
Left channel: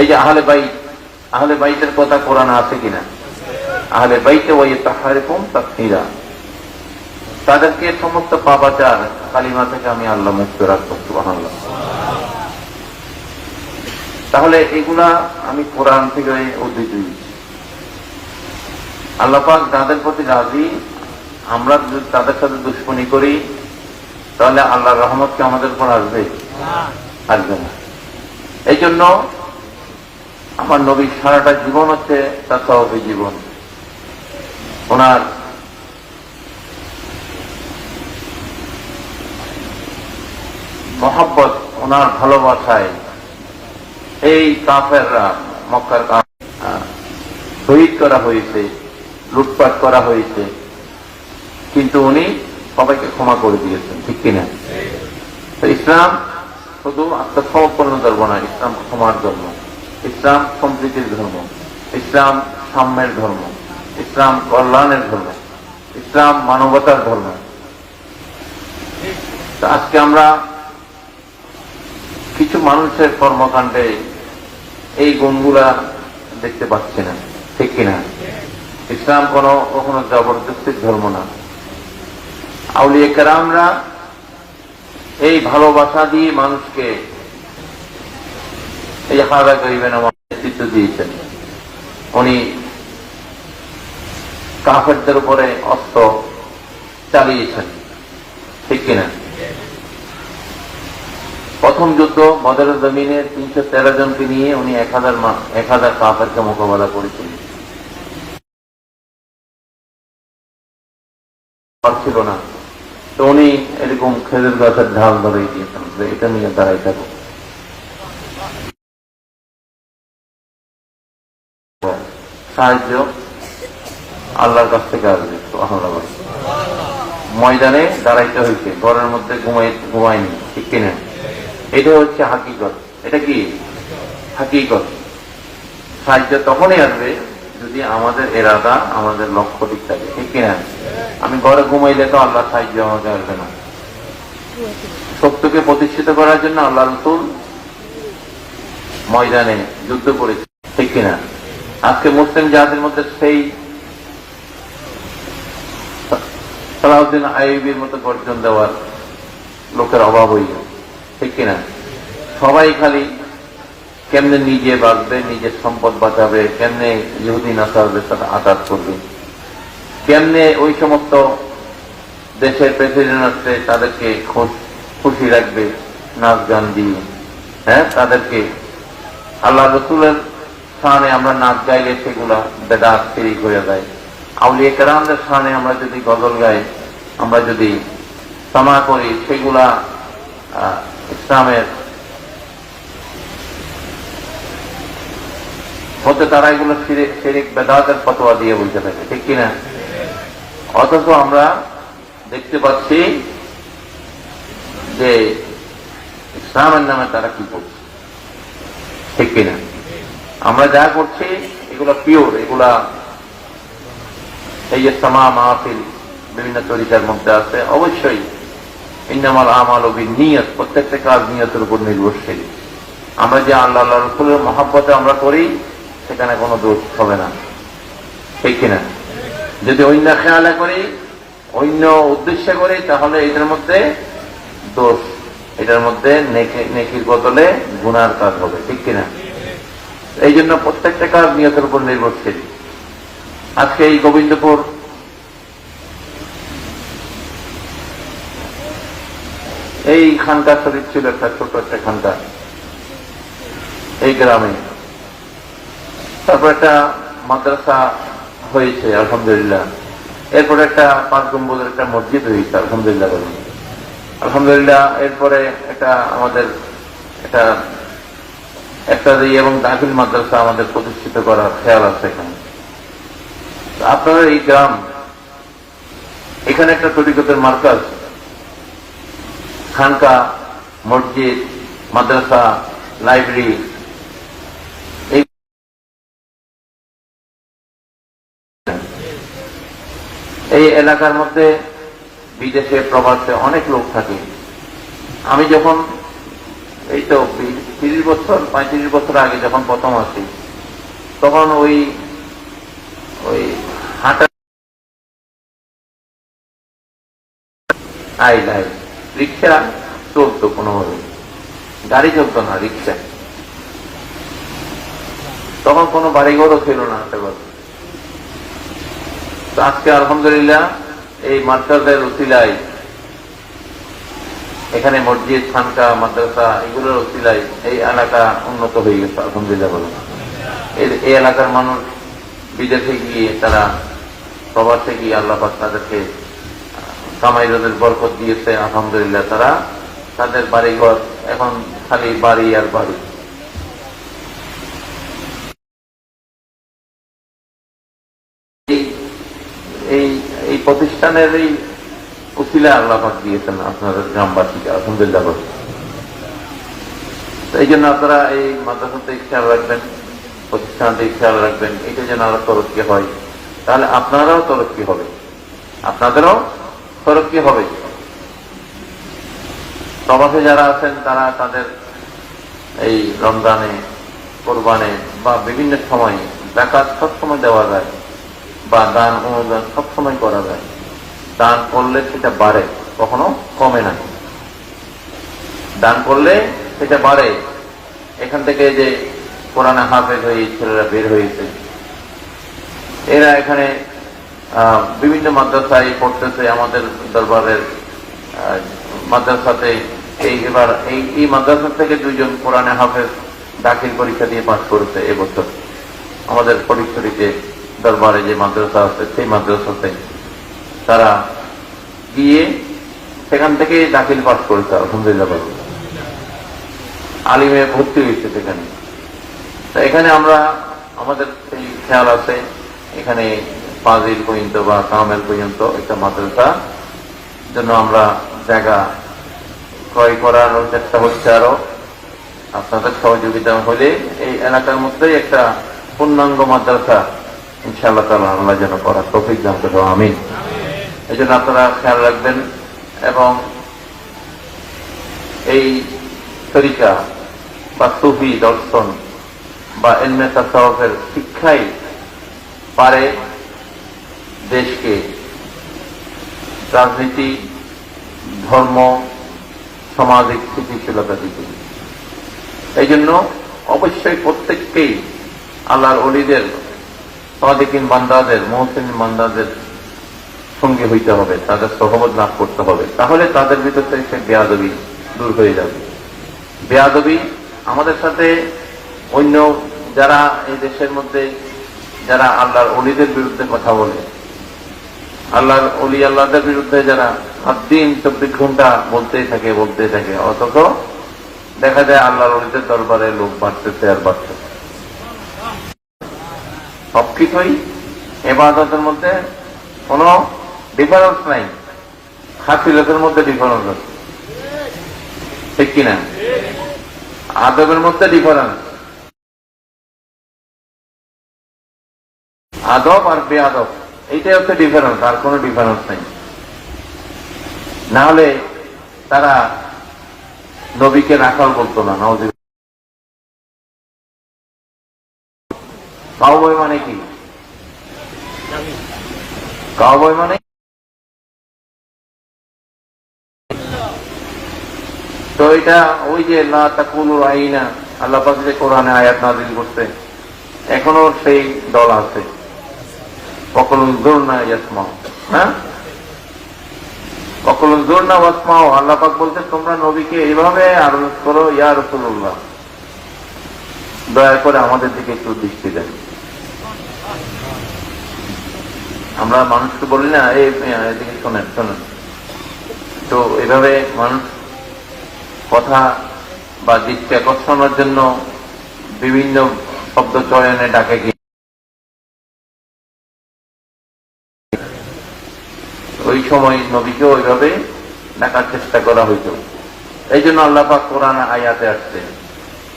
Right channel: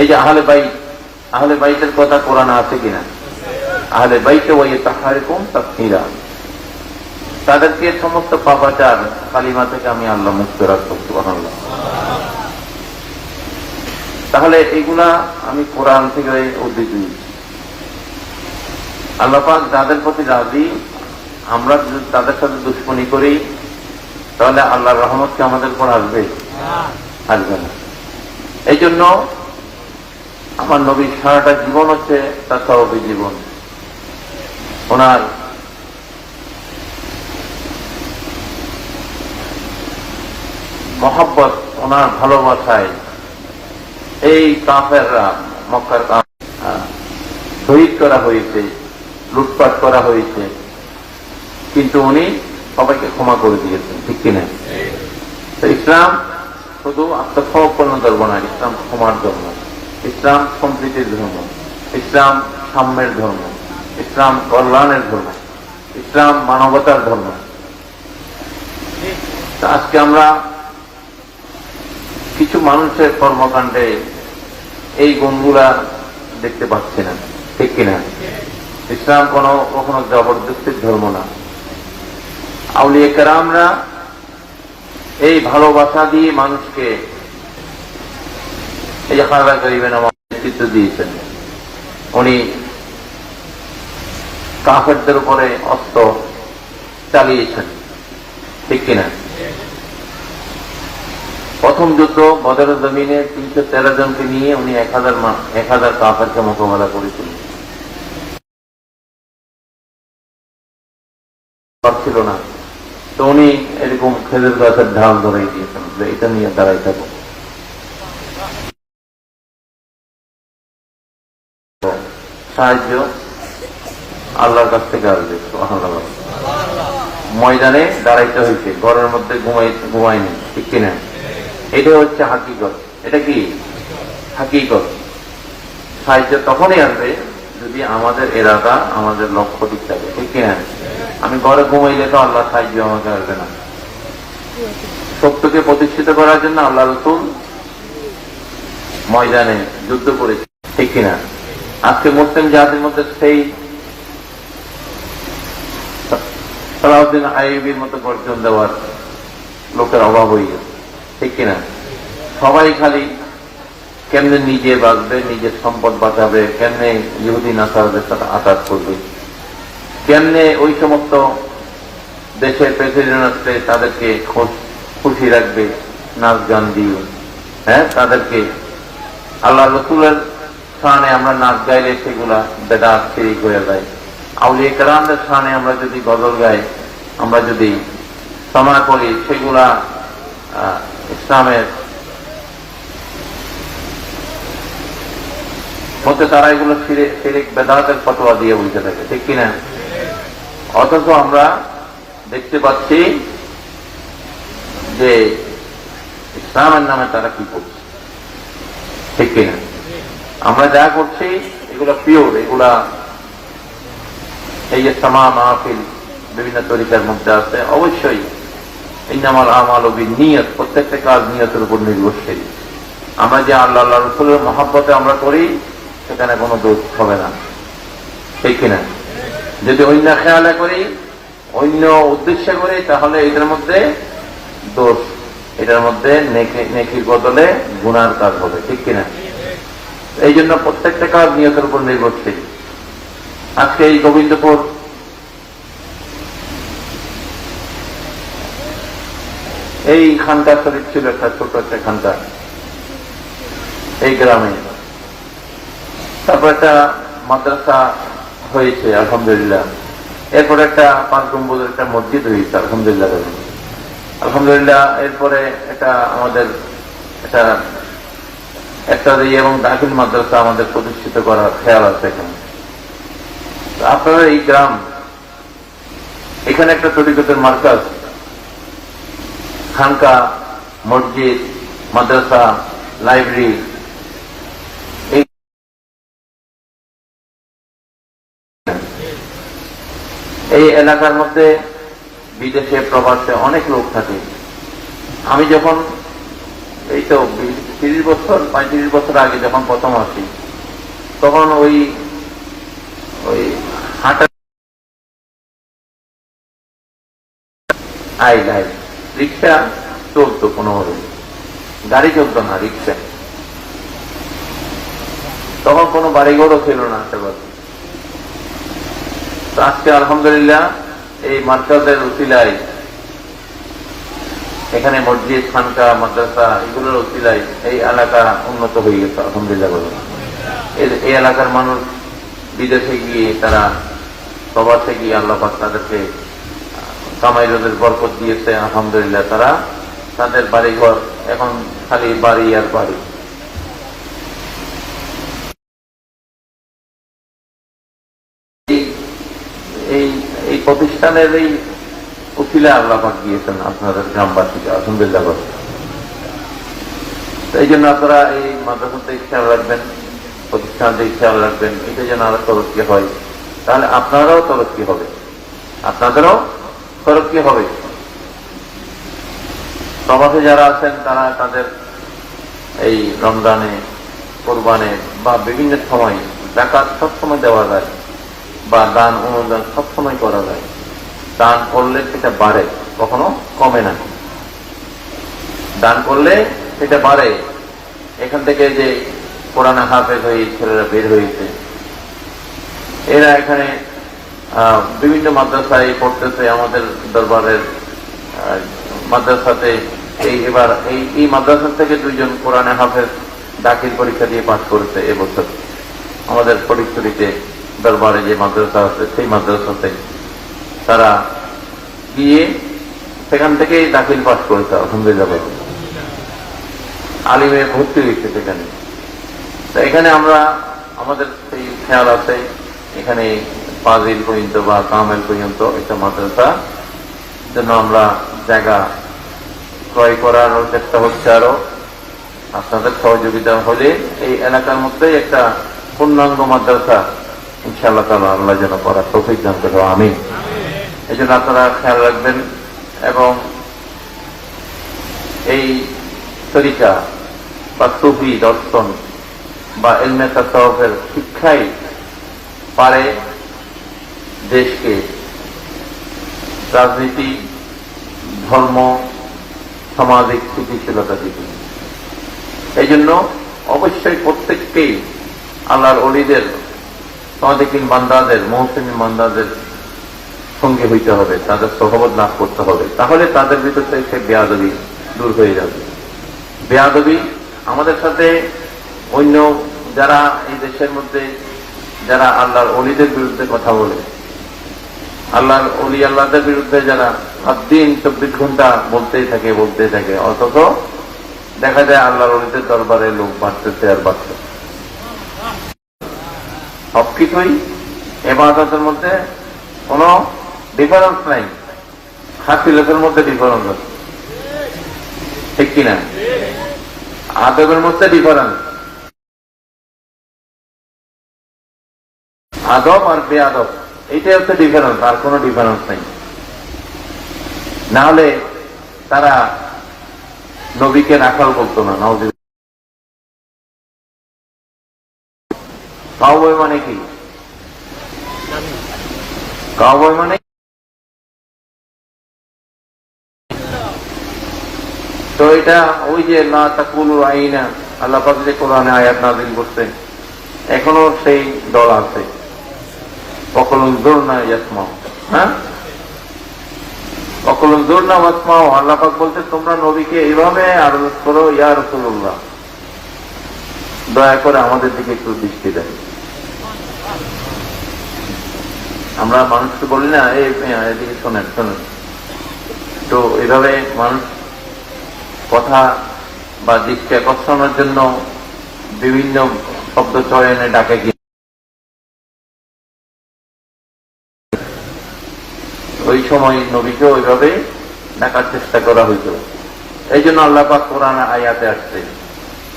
এই যে আহলে বাইতের কথা কোরআনে আছে কিনা? আহলে বাইতি ওয়া ইউতাহহিরাকুম তাতহীরা, তাদেরকে সমস্ত পাপাচার কালিমা থেকে আমি আল্লাহ মুক্ত রাখবো। সুবহানাল্লাহ। তাহলে এইগুলা আমি কোরআন থেকে উদ্ধৃতি। আল্লাহ পাক যাদের প্রতি রাজি, আমরা যদি তাদের সাথে দুশ্মনী করি তাহলে আল্লাহর রহমত কি আমাদের উপর আসবে? আসবে না। এই জন্য আমার নবীর সারাটা জীবন হচ্ছে তাসাউফি জীবন। ওনার মহব্বত, ওনার ভালোবাসায় এই কাফেররা মক্কার শহীদ করা হয়েছে, লুটপাট করা হয়েছে, কিন্তু উনি সবাইকে ক্ষমা করে দিয়েছেন। ঠিক কিনা? তো ইসলাম শুধু আত্মসমর্পণ ধর্ম না, ইসলাম ক্ষমার জন্য, ইসলাম সম্প্রীতির ধর্ম, ইসলাম সাম্যের ধর্ম, ইসলাম কল্যাণের ধর্ম, ইসলাম মানবতার ধর্ম। আজকে আমরা কিছু মানুষের কর্মকাণ্ডে এই গুণগুলা দেখতে পাচ্ছি না। ঠিক কিনা? ইসলাম কখনো জবরদস্তির ধর্ম না। আউলিয়া কেরামরা এই ভালোবাসা দিয়ে মানুষকে এই যে খাজা গরিবের নেতৃত্ব দিয়েছেন। উনি কাফেরদের উপরে অস্ত্র চালিয়েছেন। ঠিক কিনা? প্রথম যুদ্ধ বদরের জমিনে 313 জনকে নিয়ে উনি 1000 কাফেরকে মোকাবেলা করেছিলেন। পারছিল না, তো উনি এরকম খেজুর গাছের ঢাল ধরে দিয়েছেন যে এটা নিয়ে দাঁড়াই থাকো। সাহায্য আল্লাহর কাছ থেকে আসবে। সুবহানাল্লাহ। ময়দানে দাঁড়াইতে হয়েছে, ঘরের মধ্যে ঘুমায়নি। ঠিক কিনা? এটা হচ্ছে হাকিকত। এটা কি হাকিকত? সাহায্য তখনই আসবে যদি আমাদের এরাদা, আমাদের লক্ষ্য ঠিক থাকে। ঠিক কিনা? আমি ঘরে ঘুমাইলে তো আল্লাহ সাহায্য আমাকে আসবে না। সত্যকে প্রতিষ্ঠিত করার জন্য আল্লাহ রাসূল ময়দানে যুদ্ধ করেছে। ঠিক কিনা? আজকে মুসলিম জাতির মধ্যে সেই সালাউদ্দিন আইয়ুবীর মতো গর্জন দেওয়ার লোকের অভাব হইল। ঠিক কিনা? সবাই খালি কেমনে নিজে বাঁচবে, নিজের সম্পদ বাঁচাবে, কেমনে ইহুদি নাসারাদের সাথে আঘাত করবে, কেমনে ওই সমস্ত দেশের প্রেসিডেন্ট আসলে তাদেরকে খুশি রাখবে নাচ গান দিয়ে। তাদেরকে আল্লাহ রাসূলের স্থানে আমরা নাচ গাইলে সেগুলা বেদাত শিরক হয়ে যায়। আউলিয়া কেরামদের স্থানে আমরা যদি গজল গাই, আমরা যদি সামা করি, সেগুলা ইসলামের হতে তারা এগুলো শিরক বেদাতের ফতোয়া দিয়ে বলতে থাকে। ঠিক কিনা? অথচ আমরা দেখতে পাচ্ছি যে ইসলামের নামে তারা কি করছে। ঠিক কিনা? আমরা যা করছি এগুলা পিওর, এগুলা এই যে সামা মাহফিল বিভিন্ন তরিকার মধ্যে আছে। অবশ্যই ইন্নামাল আমালু বিন্নিয়াত, প্রত্যেকটা কাজ নিয়তের উপর নির্ভরশীল। আমরা যে আল্লাহ রাসূলের মহব্বতে আমরা করি সেখানে কোনো দোষ হবে না। ঠিক কিনা? যদি অন্য খেয়ালে করি, অন্য উদ্দেশ্যে করি, তাহলে এগুলোর মধ্যে দোষ এটার মধ্যে নেকির বদলে গুনার কাজ হবে, ঠিক কিনা? এই জন্য প্রত্যেকটা কাজ নিয়তের উপর নির্ভরশীল। আজকে এই গোবিন্দপুর এই খানকা শরীফ ছিল একটা ছোট একটা খানকা এই গ্রামে, তারপর একটা মাদ্রাসা হয়েছে আলহামদুলিল্লাহ, এরপরে একটা 5 গম্বুজের একটা মসজিদ হয়েছে আলহামদুলিল্লাহ আলহামদুলিল্লাহ। এরপরে একটা আমাদের একটা এবং দাখিল মাদ্রাসা আমাদের প্রতিষ্ঠিত করার খেয়াল আছে এখানে। আপনারা এই গ্রাম, এখানে একটা তরিকতের মার্কাজ, খানকা, মসজিদ, মাদ্রাসা, লাইব্রেরি, এই এলাকার মধ্যে বিদেশে প্রবাসে অনেক লোক থাকে। আমি যখন এই তো 30 বছর 35 বছর আগে যখন প্রথম আসি, তখন ওই হাটে রিক্সা চলতো, কোনোভাবে গাড়ি চলতো না, রিক্সা। তখন কোনো বাড়িঘরও ছিল না আশেপাশে। আজকে আলহামদুলিল্লাহ এই মাদ্রাসার উসিলায়, এখানে মসজিদ, খানকা, মাদ্রাসা, এগুলোর উসিলায় এই এলাকা উন্নত হয়ে গেছে আলহামদুলিল্লাহ। এই এলাকার মানুষ বিদেশে গিয়ে, তারা প্রবাসে গিয়ে আল্লাহ পাক তাদেরকে কামাই রোজের বরকত দিয়েছে আলহামদুলিল্লাহ। তারা তাদের বাড়িঘর এখন খালি বাড়ি আর বাড়ি। এই প্রতিষ্ঠানের এই উকিলা আল্লাহ পাক দিয়েছেন আপনাদের গ্রামবাসীকে আলহামদুলিল্লাহ। এই জন্য আপনারা এই মাদ্রাসাতে খেয়াল রাখবেন, প্রতিষ্ঠানতে খেয়াল রাখবেন, এটা যেন আরো তরক্কি হয়, তাহলে আপনারাও তরক্কি হবে, আপনাদেরও তরক্কি হবে। প্রবাসে যারা আছেন তারা তাদের এই রমজানে, কোরবানে বা বিভিন্ন সময় যাকাত সবসময় দেওয়া যায়, বা দান অনুদান সবসময় করা যায়। দান করলে সেটা বাড়ে, কখনো কমে না। দান করলে সেটা বাড়ে। এখান থেকে যে কোরআন হাফেজ হয়ে ছেলেরা বের হয়েছে, এরা এখানে বিভিন্ন মাদ্রাসায় পড়তেছে। আমাদের দরবারের মাদ্রাসাতে এবার এই মাদ্রাসা থেকে 2 জন কোরআন হাফেজ দাখিল পরীক্ষা দিয়ে পাস করেছে এবছর। আমাদের ফটিকছড়িতে দরবারে যে মাদ্রাসা আছে, সেই মাদ্রাসাতে তারা গিয়ে সেখান থেকে দাখিল পাস করেছে আলহামদুলিল্লাহ। আলিমে ভর্তি হয়েছে সেখানে। এখানে আমরা, আমাদের সেই খেয়াল আছে, এখানে ফাজিল পর্যন্ত বা কামেল পর্যন্ত একটা মাদ্রাসা জন্য আমরা জায়গা ক্রয় করার চেষ্টা হচ্ছে। আরো আপনাদের সহযোগিতা হলে এই এলাকার মধ্যে একটা পূর্ণাঙ্গ মাদ্রাসা ইনশাআল্লাহ তাআলা আমরা যেন করার তৌফিক দান করেন, আমিন। এই জন্য আপনারা খেয়াল রাখবেন। এবং এই তরিকা বা সুফি দর্শন বা ইলমে তাসাউফের শিক্ষাই পারে দেশকে রাজনীতি, ধর্ম, সামাজিক স্থিতিশীলতা দিতে। এই জন্য অবশ্যই প্রত্যেককেই আল্লাহর ওলিদের, সাদিকিন বান্দাদের, মুহসিন বান্দাদের সঙ্গে হইতে হবে, তাদের সহবত লাভ করতে হবে। তাহলে তাদের ভিতর থেকে সে বেয়াদবি দূর হয়ে যাবে। বেয়াদবি আমাদের সাথে অন্য যারা এই দেশের মধ্যে যারা আল্লাহর ওলিদের বিরুদ্ধে কথা বলে, আল্লাহর ওলি আল্লাহদের বিরুদ্ধে যারা দিন 24 ঘন্টা বলতেই থাকে, অথচ দেখা যায় আল্লাহর ওলিদের দরবারে লোক বাড়তেছে আর বাড়তেছে। সবকিছুই ইবাদতের মধ্যে কোন ডিফারেন্স নাই, হাসিলতের মধ্যে ডিফারেন্স আছে, ঠিক কিনা? আদবের মধ্যে ডিফারেন্স, আদব আর বেআদব, এইটাই হচ্ছে ডিফারেন্স, আর কোন ডিফারেন্স নেই। না হলে তারা নবীকে রাখাল বলতো না। কাউবয় মানে কি? কাউবয় মানে তো এটা ওই যে লা তাকুলু আইনা আল্লাহ পাক যে কোরআনে আয়াত নাযিল করতে এখনো সেই দল আছে, কখনো জোর না ইয়াসমাউ, হ্যাঁ কখনো জোর না ওয়াসমাউ। আল্লাহ পাক বলতে তোমরা নবীকে এইভাবে আরজ করো, ইয়া রাসূলুল্লাহ দয়া করে আমাদের দিকে একটু দৃষ্টি দেন। আমরা মানুষকে বলি না এদিকে শোনেন শোনেন, তো এভাবে মানুষ কথা বা দৃষ্টি আকর্ষণের জন্য বিভিন্ন শব্দ চয়নে ডাকে গিয়ে ওই সময় নবীকে ওইভাবে ডাকার চেষ্টা করা হইত। এই জন্য আল্লাহ পাক কোরআন আয়াতে আসছে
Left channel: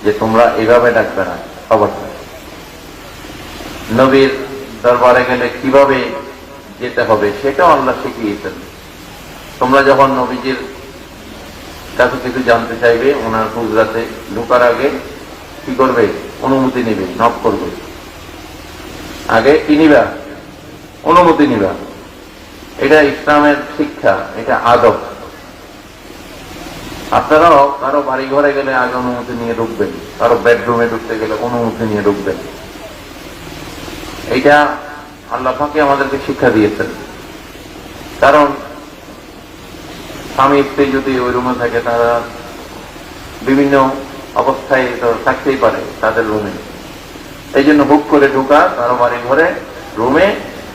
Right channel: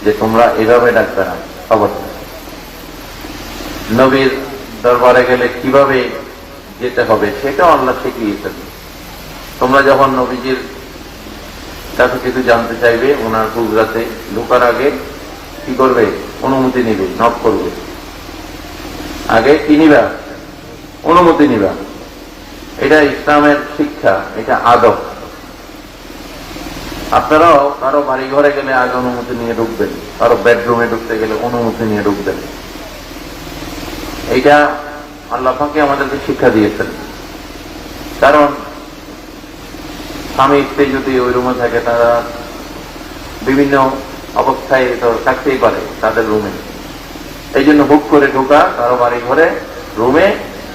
যে তোমরা এইভাবে ডাকবে না। অবশ্যই নবীর দরবারে গেলে কিভাবে যেতে হবে সেটাও আল্লাহ শিখিয়েছেন। তোমরা যখন নবীজির কাছে কিছু জানতে চাইবে, ওনার হুজরাতে ঢোকার আগে কি করবে? অনুমতি নেবে, নক করবে। আগে কি নিবা? অনুমতি নিবা। এটা ইসলামের শিক্ষা, এটা আদব। আপনারাও কারো বাড়ি ঘরে গেলে আগে অনুমতি নিয়ে ঢুকবেন, কারো বেডরুমে ঢুকতে গেলে অনুমতি নিয়ে ঢুকবেন। এইটা আল্লাহ পাকে আমাদেরকে শিক্ষা দিয়েছেন। কারণ স্বামী স্ত্রী যদি ওই রুমে থাকে, তারা বিভিন্ন অবস্থায় তো থাকতেই পারে তাদের রুমে। এই জন্য হুক করে ঢোকা কারো বাড়ি ঘরে রুমে,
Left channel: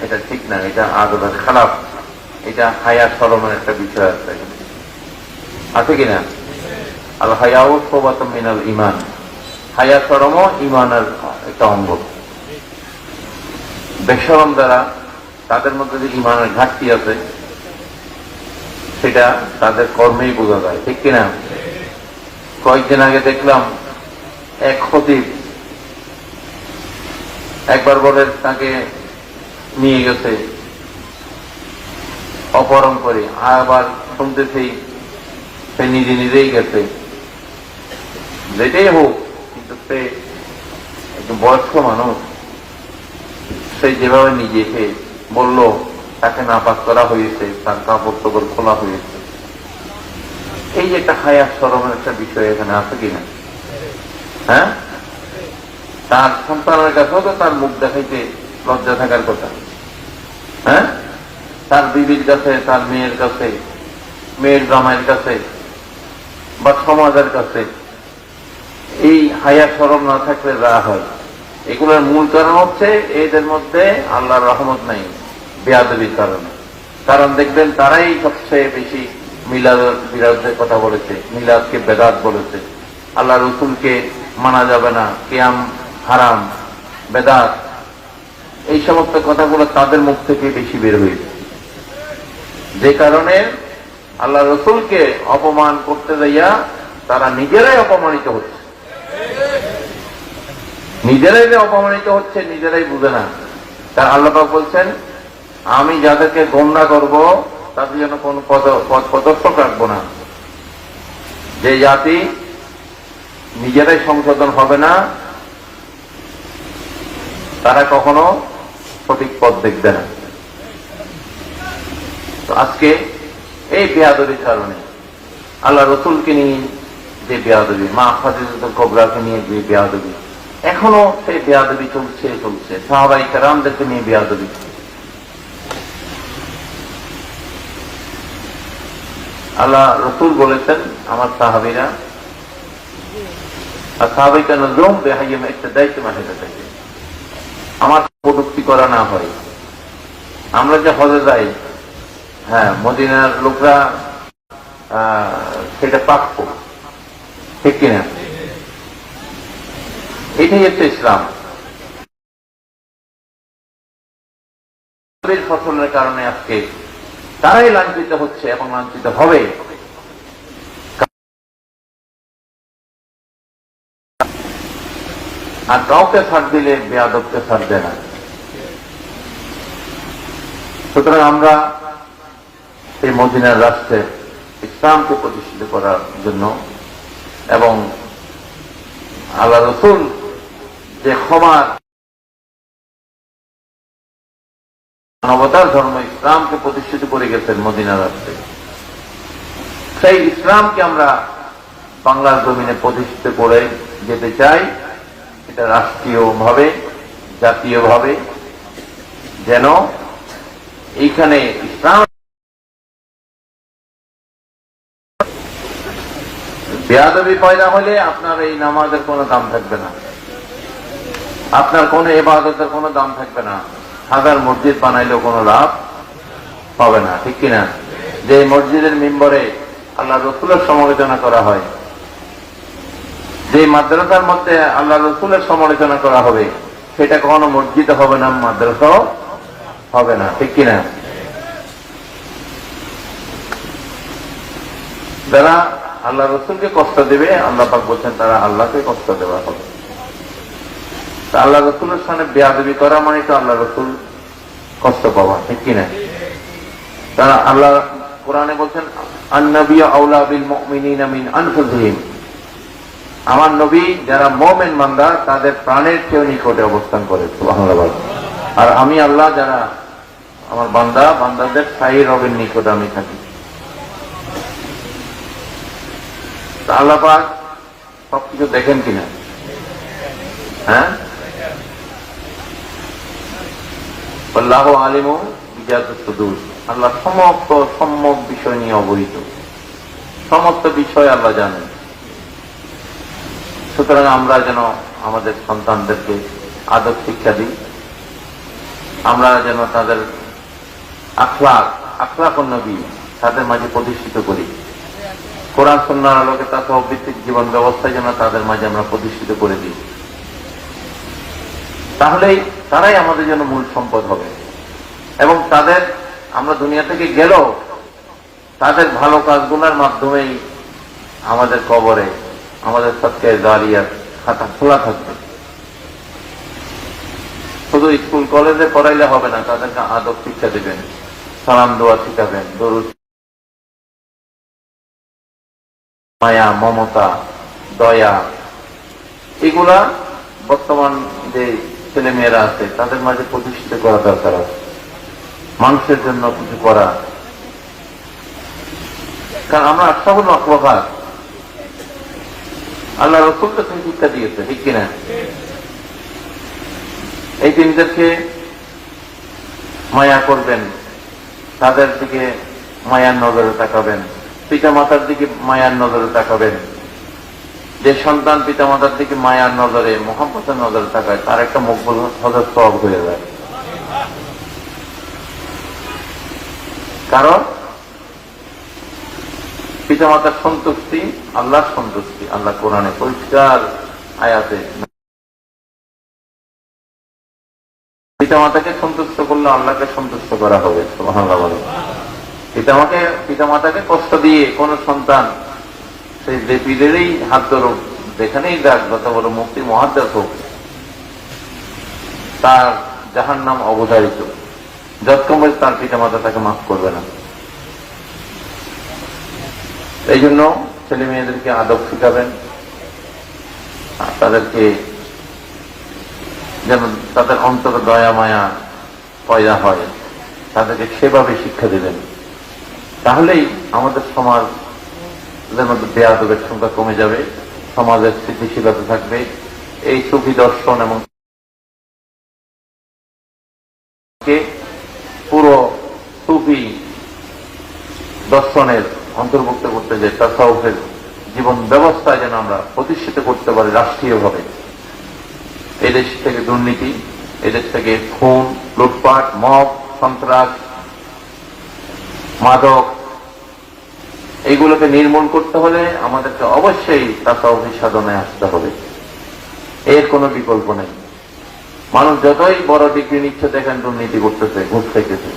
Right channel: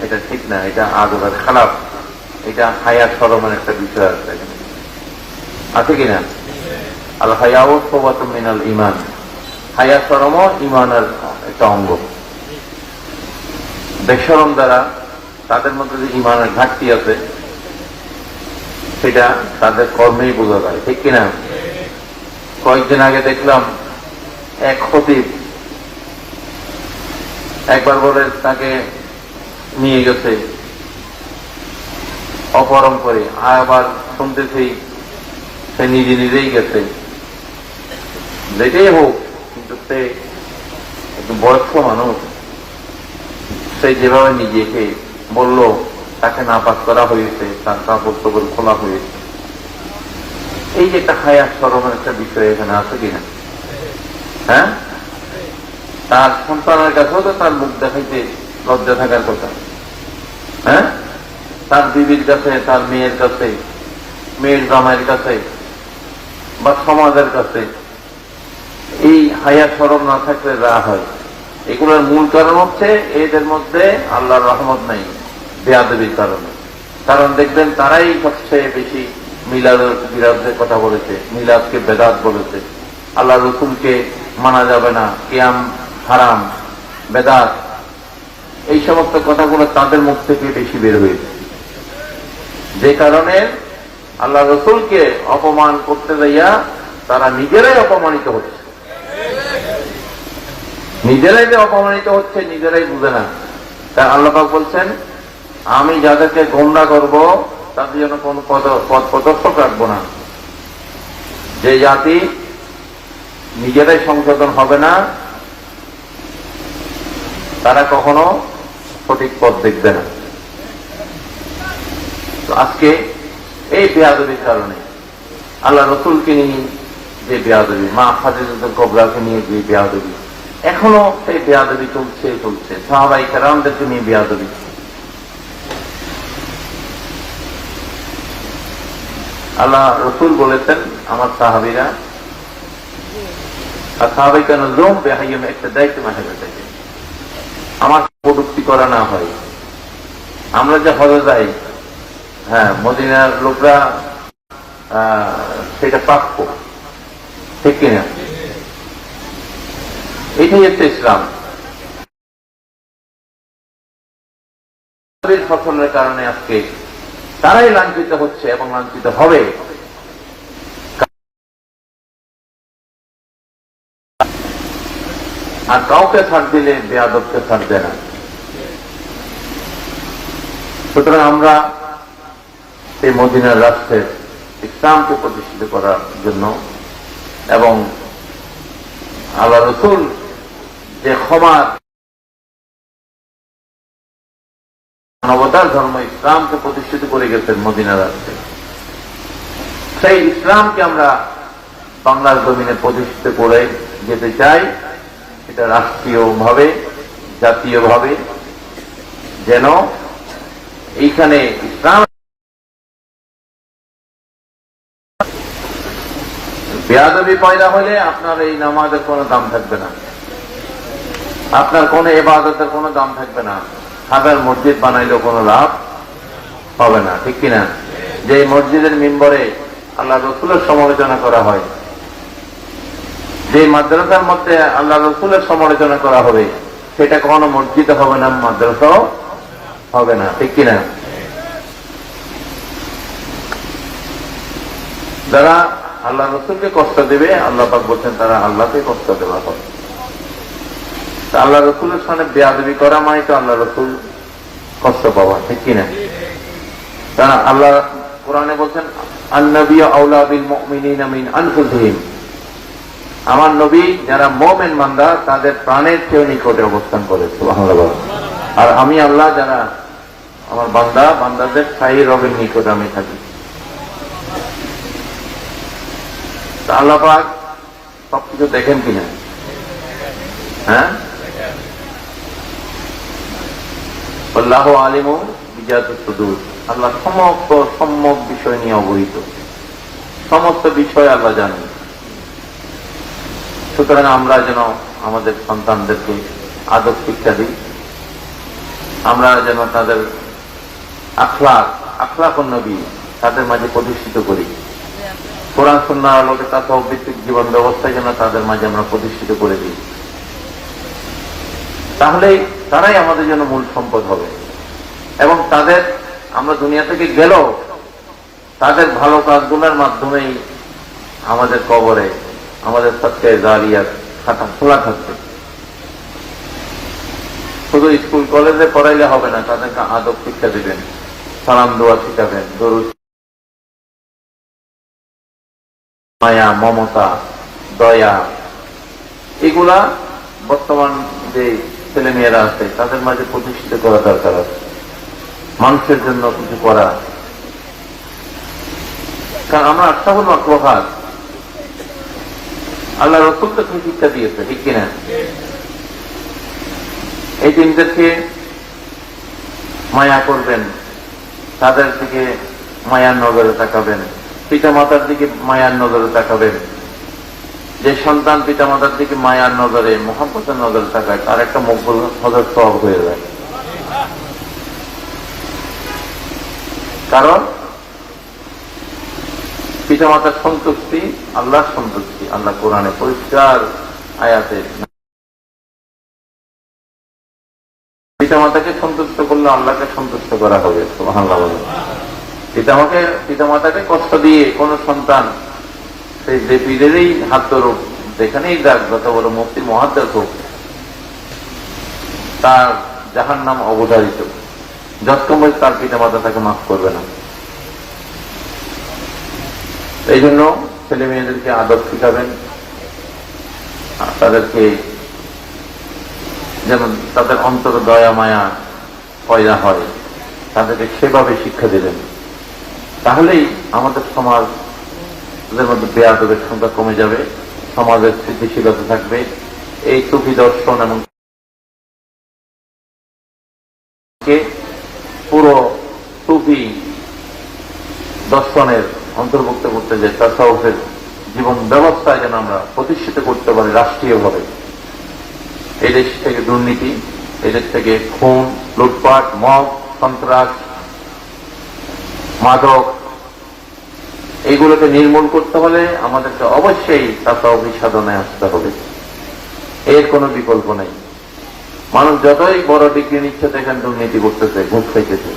এটা ঠিক না, এটা আদবের খারাপ, এটা হায়া শরমের একটা বিষয় আছে, আছে কিনা? আল হায়াউ শাওবাতুম মিনাল ঈমান, হায়া শরমও ঈমানের একটা অঙ্গ। বেশরম যারা, তাদের মধ্যে যে ঈমানের ঘাটতি আছে সেটা তাদের কর্মেই বোঝা যায়, ঠিক কিনা? কয়েকদিন আগে দেখলাম এক খতিব একবার বলে তাকে নিয়ে গেছে অপহরণ করে, আবার শুনতেছি সে নিজে নিজেই গেছে। যেটাই হোক, কিন্তু সে একটু বয়স্ক মানুষ, সে যেভাবে নিজেকে বলল তাকে নাপাক করা হয়েছে, তার কাপড় টাপড় খোলা হয়েছে, এই যে একটা হায়া শরমের একটা বিষয় এখানে আছে কিনা? হ্যাঁ, তার সন্তানের কাছেও তো তার মুখ দেখাইতে লজ্জা থাকার কথা। হ্যাঁ, তার বিবির কাছে, তার মেয়ের কাছে, মেয়ের জামাইয়ের কাছে বা সমাজের কাছে এই হায়া শরম না থাকলে যা হয়, এগুলোর মূল কারণ হচ্ছে এদের মধ্যে আল্লাহর রহমত নাই, বেয়াদবির কারণে। কারণ দেখবেন তারাই সবচেয়ে বেশি মিলাদের বিরাজের কথা বলেছে, মিলাদকে বেদাত বলেছে, আল্লাহ রসুলকে মানা যাবে না, কিয়াম হারাম, বেদাত, এই সমস্ত কথাগুলো তাদের মুখ থেকে বেশি বের হয়েছে। যে কারণে আল্লাহ রসুলকে অপমান করতে যাইয়া তারা নিজেরাই অপমানিত হচ্ছে। নিজেরাই যে অপমানিত হচ্ছে নিজেরাই বুঝে না। তাই আল্লাহ পাক বলছেন, আমি যাদেরকে গোমরা করব তাদের জন্য কোন পথ প্রদর্শক রাখবো না। যে জাতি নিজেরাই সংশোধন হবে না, তারা কখনো সঠিক পথ দেখবে না। তো আজকে এই বেয়াদবির কারণে আল্লাহ রসুলকে নিয়ে যে বেয়াদবি, মা খাদিজাতুল কুবরাকে নিয়ে যে বেয়াদবি, এখনো সেই বেয়াদবি চলছে চলছে। সাহাবায়ে কেরামদেরকে নিয়ে বেয়াদবি। আল্লাহ রসুল বলেছেন, আমার সাহাবীরা আর সাহাবায়ে নুজুম বিহাইয়িম ইক্তাদাইতু মাহাবাতাহু, আমার কটূক্তি করা না হয়। আমরা যে হজে যাই, হ্যাঁ, মদিনার লোকরা সেটা প্রাপ্য, ঠিক কিনা? এটাই হচ্ছে ইসলাম। ফসলের কারণে আজকে তারাই লাঞ্ছিত হচ্ছে এবং লাঞ্ছিত হবে। আর কাউকে ছাড় দিলে বেয়াদবকে ছাড় দেয় না। সুতরাং আমরা এই মদিনার রাষ্ট্রে ইসলামকে প্রতিষ্ঠিত করার জন্য এবং আল্লাহ রসুল যে ক্ষমার মানবতার ধর্ম ইসলামকে প্রতিষ্ঠিত করে গেছেন মদিনা রাষ্ট্রে, সেই ইসলামকে আমরা বাংলার জমিনে প্রতিষ্ঠিত করে যেতে চাই, এটা রাষ্ট্রীয়ভাবে, জাতীয়ভাবে, যেন এইখানে ইসলাম বেয়াদবি পয়দা হলে আপনার এই নামাজের কোনো দাম থাকবে না, আপনার কোন ইবাদতের কোনো দাম থাকবে না, হাজার মসজিদ বানাইলেও কোনো লাভ হবে না, ঠিক কিনা? যে মসজিদের মিম্বরে আল্লাহ রসুলের সমালোচনা করা হয়, যে মাদ্রাসার মধ্যে আল্লাহ রসুলের সমালোচনা করা হবে, সেটা কখনো মসজিদ হবে না, মাদ্রাসাও হবে না, ঠিক কিনা? যারা আল্লাহ রসুলকে কষ্ট দেবে, আল্লাহ পাক বলছেন তারা আল্লাহকে কষ্ট দেওয়া হবে। আল্লাহ রসুলের সামনে বেয়াদবি করা মানে তো আল্লাহ রসুল কষ্ট পাওয়া, ঠিক কিনা? কারণ আল্লাহ কোরআনে বলছেন আন-নবিয়্যু আওলা বিল মুমিনিনা মিন আনফুসিহিম, আমার নবী যারা মুমিন বান্দা তাদের প্রাণের চেয়ে নিকটে অবস্থান করে, সুবহানাল্লাহ। আর আমি আল্লাহ যারা আমার বান্দাদের সাহি রবের নিকট আমি থাকি। আল্লাহ পাক সবকিছু দেখেন কিনা? হ্যাঁ, আল্লাহু আলিমু বিজাতিস সুদূর, আল্লাহ সমস্ত সম্যক বিষয় নিয়ে অবহিত, সমস্ত বিষয় আল্লাহ জানেন। সুতরাং আমরা যেন আমাদের সন্তানদেরকে আদব শিক্ষা দিই, আমরা যেন তাদের আখলাক নবী তাদের মাঝে প্রতিষ্ঠিত করি, কোরআন সুন্নাহর আলোকে তাসাউফ ভিত্তিক জীবন ব্যবস্থায় যেন তাদের মাঝে আমরা প্রতিষ্ঠিত করে দিই। তাহলেই তারাই আমাদের জন্য মূল সম্পদ হবে, এবং তাদের আমরা দুনিয়া থেকে গেলেও তাদের ভালো কাজগুলোর মাধ্যমেই আমাদের কবরে আমাদের সৎকার জারিয়ার খাতা খোলা থাকবে। শুধু স্কুল কলেজে পড়াইলে হবে না, তাদেরকে আদব শিক্ষা দেবেন, সালাম দোয়া শিখাবেন, দরুদ, মায়া, মমতা, দয়া, এগুলা বর্তমান যে ছেলে মেয়েরা আছে তাদের মাঝে প্রতিষ্ঠিত করা দরকার আছে। মানুষের জন্য কিছু করা, কারণ আমরা আশা হল আকবাদ আল্লাহ রসুল তো শিক্ষা দিয়েছে, ঠিক কিনা? এই দিনদেরকে মায়া করবেন, তাদের দিকে মায়ার নজরে তাকাবেন, পিতা মাতার দিকে মায়ার নজরে তাকাবেন। যে সন্তান পিতা মাতার দিকে মায়ার নজরে, মোহাম্মতের নজরে তাকায়, তার একটা মকবুল হজর সওয়াব হয়ে যায়। কারণ পিতা মাতার সন্তুষ্টি আল্লাহর সন্তুষ্টি, আল্লাহ কোরআনে পরিষ্কার আয়াতে পিতা মাতাকে সন্তুষ্ট করলে আল্লাহকে সন্তুষ্ট করা হবে, সুবহানাল্লাহ। পিতা মাতাকে কষ্ট দিয়ে কোন সন্তান সেই বেপিদেরই হাত ধরুক, যেখানেই যাক, যত বড় মুক্তি মহাদ্দাস হোক, তার জাহান্নাম অবধারিত, যতক্ষণ তার পিতা মাতা তাকে মাফ করবে না। এই জন্য ছেলে মেয়েদেরকে আদব শিখাবেন, তাদেরকে যেমন তাদের অন্তরে দয়া মায়া পয়দা হয়, তাদেরকে সেভাবে শিক্ষা দেবেন। তাহলেই আমাদের সমাজ বেয়াদবের সংখ্যা কমে যাবে, সমাজের স্থিতিশীলতা থাকবে। এই সুফি দর্শন এবং পুরো সুফি দর্শনের অন্তর্ভুক্ত করতে যে তাসাউফের জীবন ব্যবস্থা যেন আমরা প্রতিষ্ঠিত করতে পারি রাষ্ট্রীয়ভাবে। এই দেশ থেকে দুর্নীতি, এই দেশ থেকে খুন, লুটপাট, মদ, সন্ত্রাস, মাদক, এইগুলোকে নির্মূল করতে হলে আমাদেরকে অবশ্যই তাসাউফি সাধনায় আসতে হবে, এর কোনো বিকল্প নেই। মানুষ যতই বড় ডিগ্রি নিচ্ছে দেখেন দুর্নীতি করতেছে, ঘুষ খাইতেছে,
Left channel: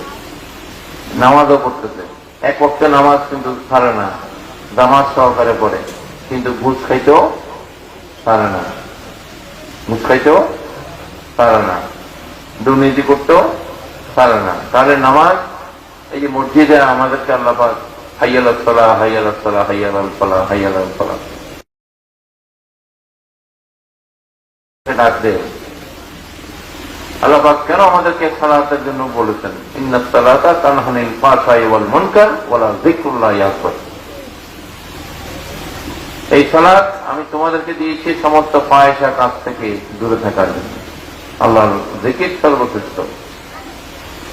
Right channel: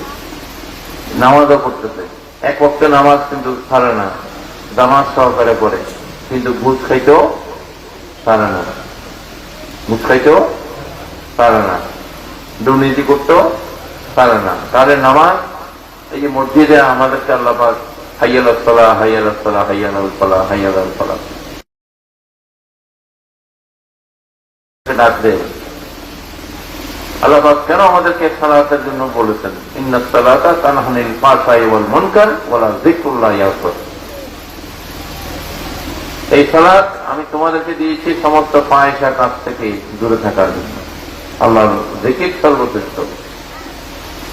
নামাজও করতেছে। এক পক্ষে নামাজ কিন্তু ছাড়ে না, জামাজ সহকারে পড়ে, কিন্তু ঘুষ খাইতেও ছাড়ে না, ঘুষ খাইতেও ছাড়ে না, দুর্নীতি করতেও ছাড়ে না। তাহলে নামাজ, এই যে মসজিদে আমাদেরকে আল্লাহ পাক হাইয়াল সালাহ, হাইয়াল সালাহ, হাইয়াল সালাহ, হাইয়াল সালাহ ডাকবে। আল্লাহ পাক কেন আমাদেরকে সালাতের জন্য বলেছেন? ইন্নাস সালাতা তানহা আনিল ফাহশাই ওয়াল মুনকার ওয়া লা যিকরুল্লাহি আকবার। এই সালাত আমি তোমাদেরকে দিয়েছি সমস্ত ফাহিশার কাছ থেকে দূরে থাকার জন্য। আল্লাহর জিকির সর্বশ্রেষ্ঠ।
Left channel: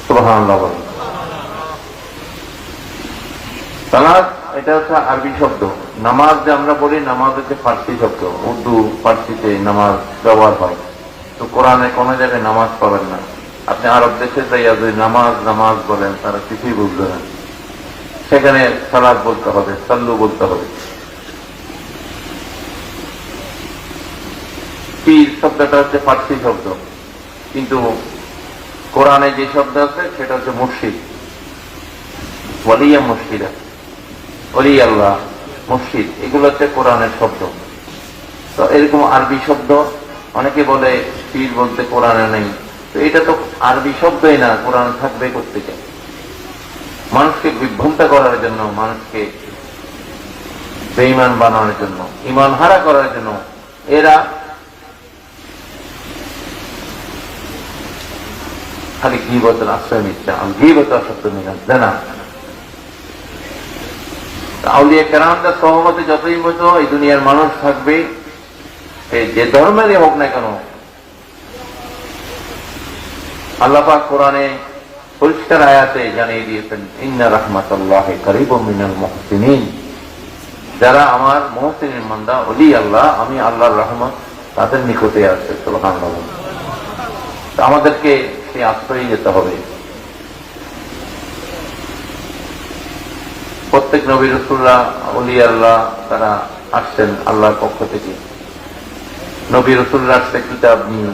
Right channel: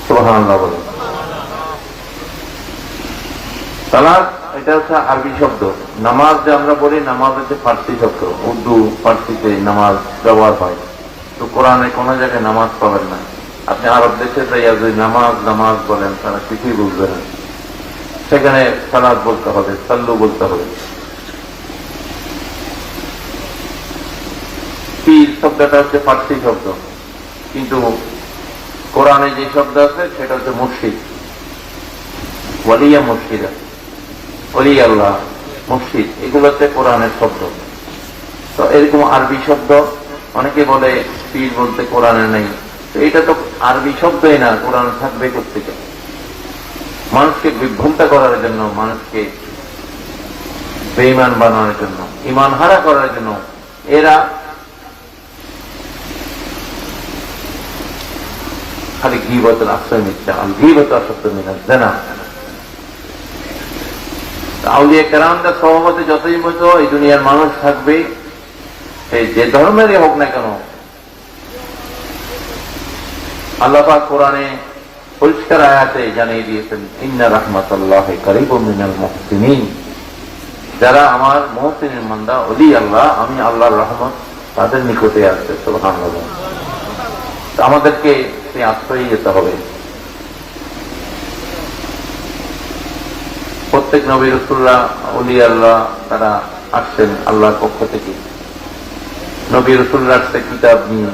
সুবহানাল্লাহ বলেন। সালাত এটা হচ্ছে আরবি শব্দ। নামাজ যে আমরা বলি, নামাজ হচ্ছে ফার্সি শব্দ। উর্দু ফার্সিতে নামাজ ব্যবহার হয়, তো কোরআনে কোনো জায়গায় নামাজ পাবেন না। আপনি আরব দেশে যাইয়া যদি নামাজ নামাজ বলেন, তারা কিছুই বুঝবে না। সেখানে সালাত বলতে হবে, সাল্লু বলতে হবে। পীর শব্দটা হচ্ছে ফার্সি শব্দ, কিন্তু কোরআনে যে শব্দ আছে সেটা হচ্ছে মুর্শিদ। ওয়ালিয়া মুর্শিদা, ওলি আল্লাহ, মুর্শিদ, এগুলো হচ্ছে কোরআনের শব্দ। তো এরকম আরবি শব্দ অনেকে বলে পীর বলতে কোরআনে নেই, তো এটা তো আরবি শব্দই না, কোরআন শব্দে করতে চায় মানুষকে বিভ্রান্ত করার জন্য, মানুষকে বেঈমান বানানোর জন্য, ঈমান হারা করার জন্য। এরা খালি গীবতের আশ্রয় নিচ্ছে। গীবত আসক্ত নিয়ে না। আউলিয়া কেরামদের সহমতে যতই বছর এই দুনিয়ার মানুষ থাকবে, যে ধর্মেরই হোক না কেন, আল্লাহ পাক কোরআনে পরিষ্কার আয়াতে জানিয়ে দিয়েছেন, ইন্না রাহমাতাল্লাহি কারীবুম মিনাল মুহসিনিন। যারা আমার মুহসিনের বান্দা, ওলি আল্লাহ, আমি আল্লাহর রহমত তাদের নিকটে আছে। সুবহানাল্লাহ। আমাদেরকে সে আশ্রয় যেতে হবে। প্রত্যেক নবী রাসূলরা, ওলি আল্লাহ, তারা আসছেন আল্লাহর পক্ষ থেকে। নবী রাসূলরা আসছে কিতাব নিয়ে,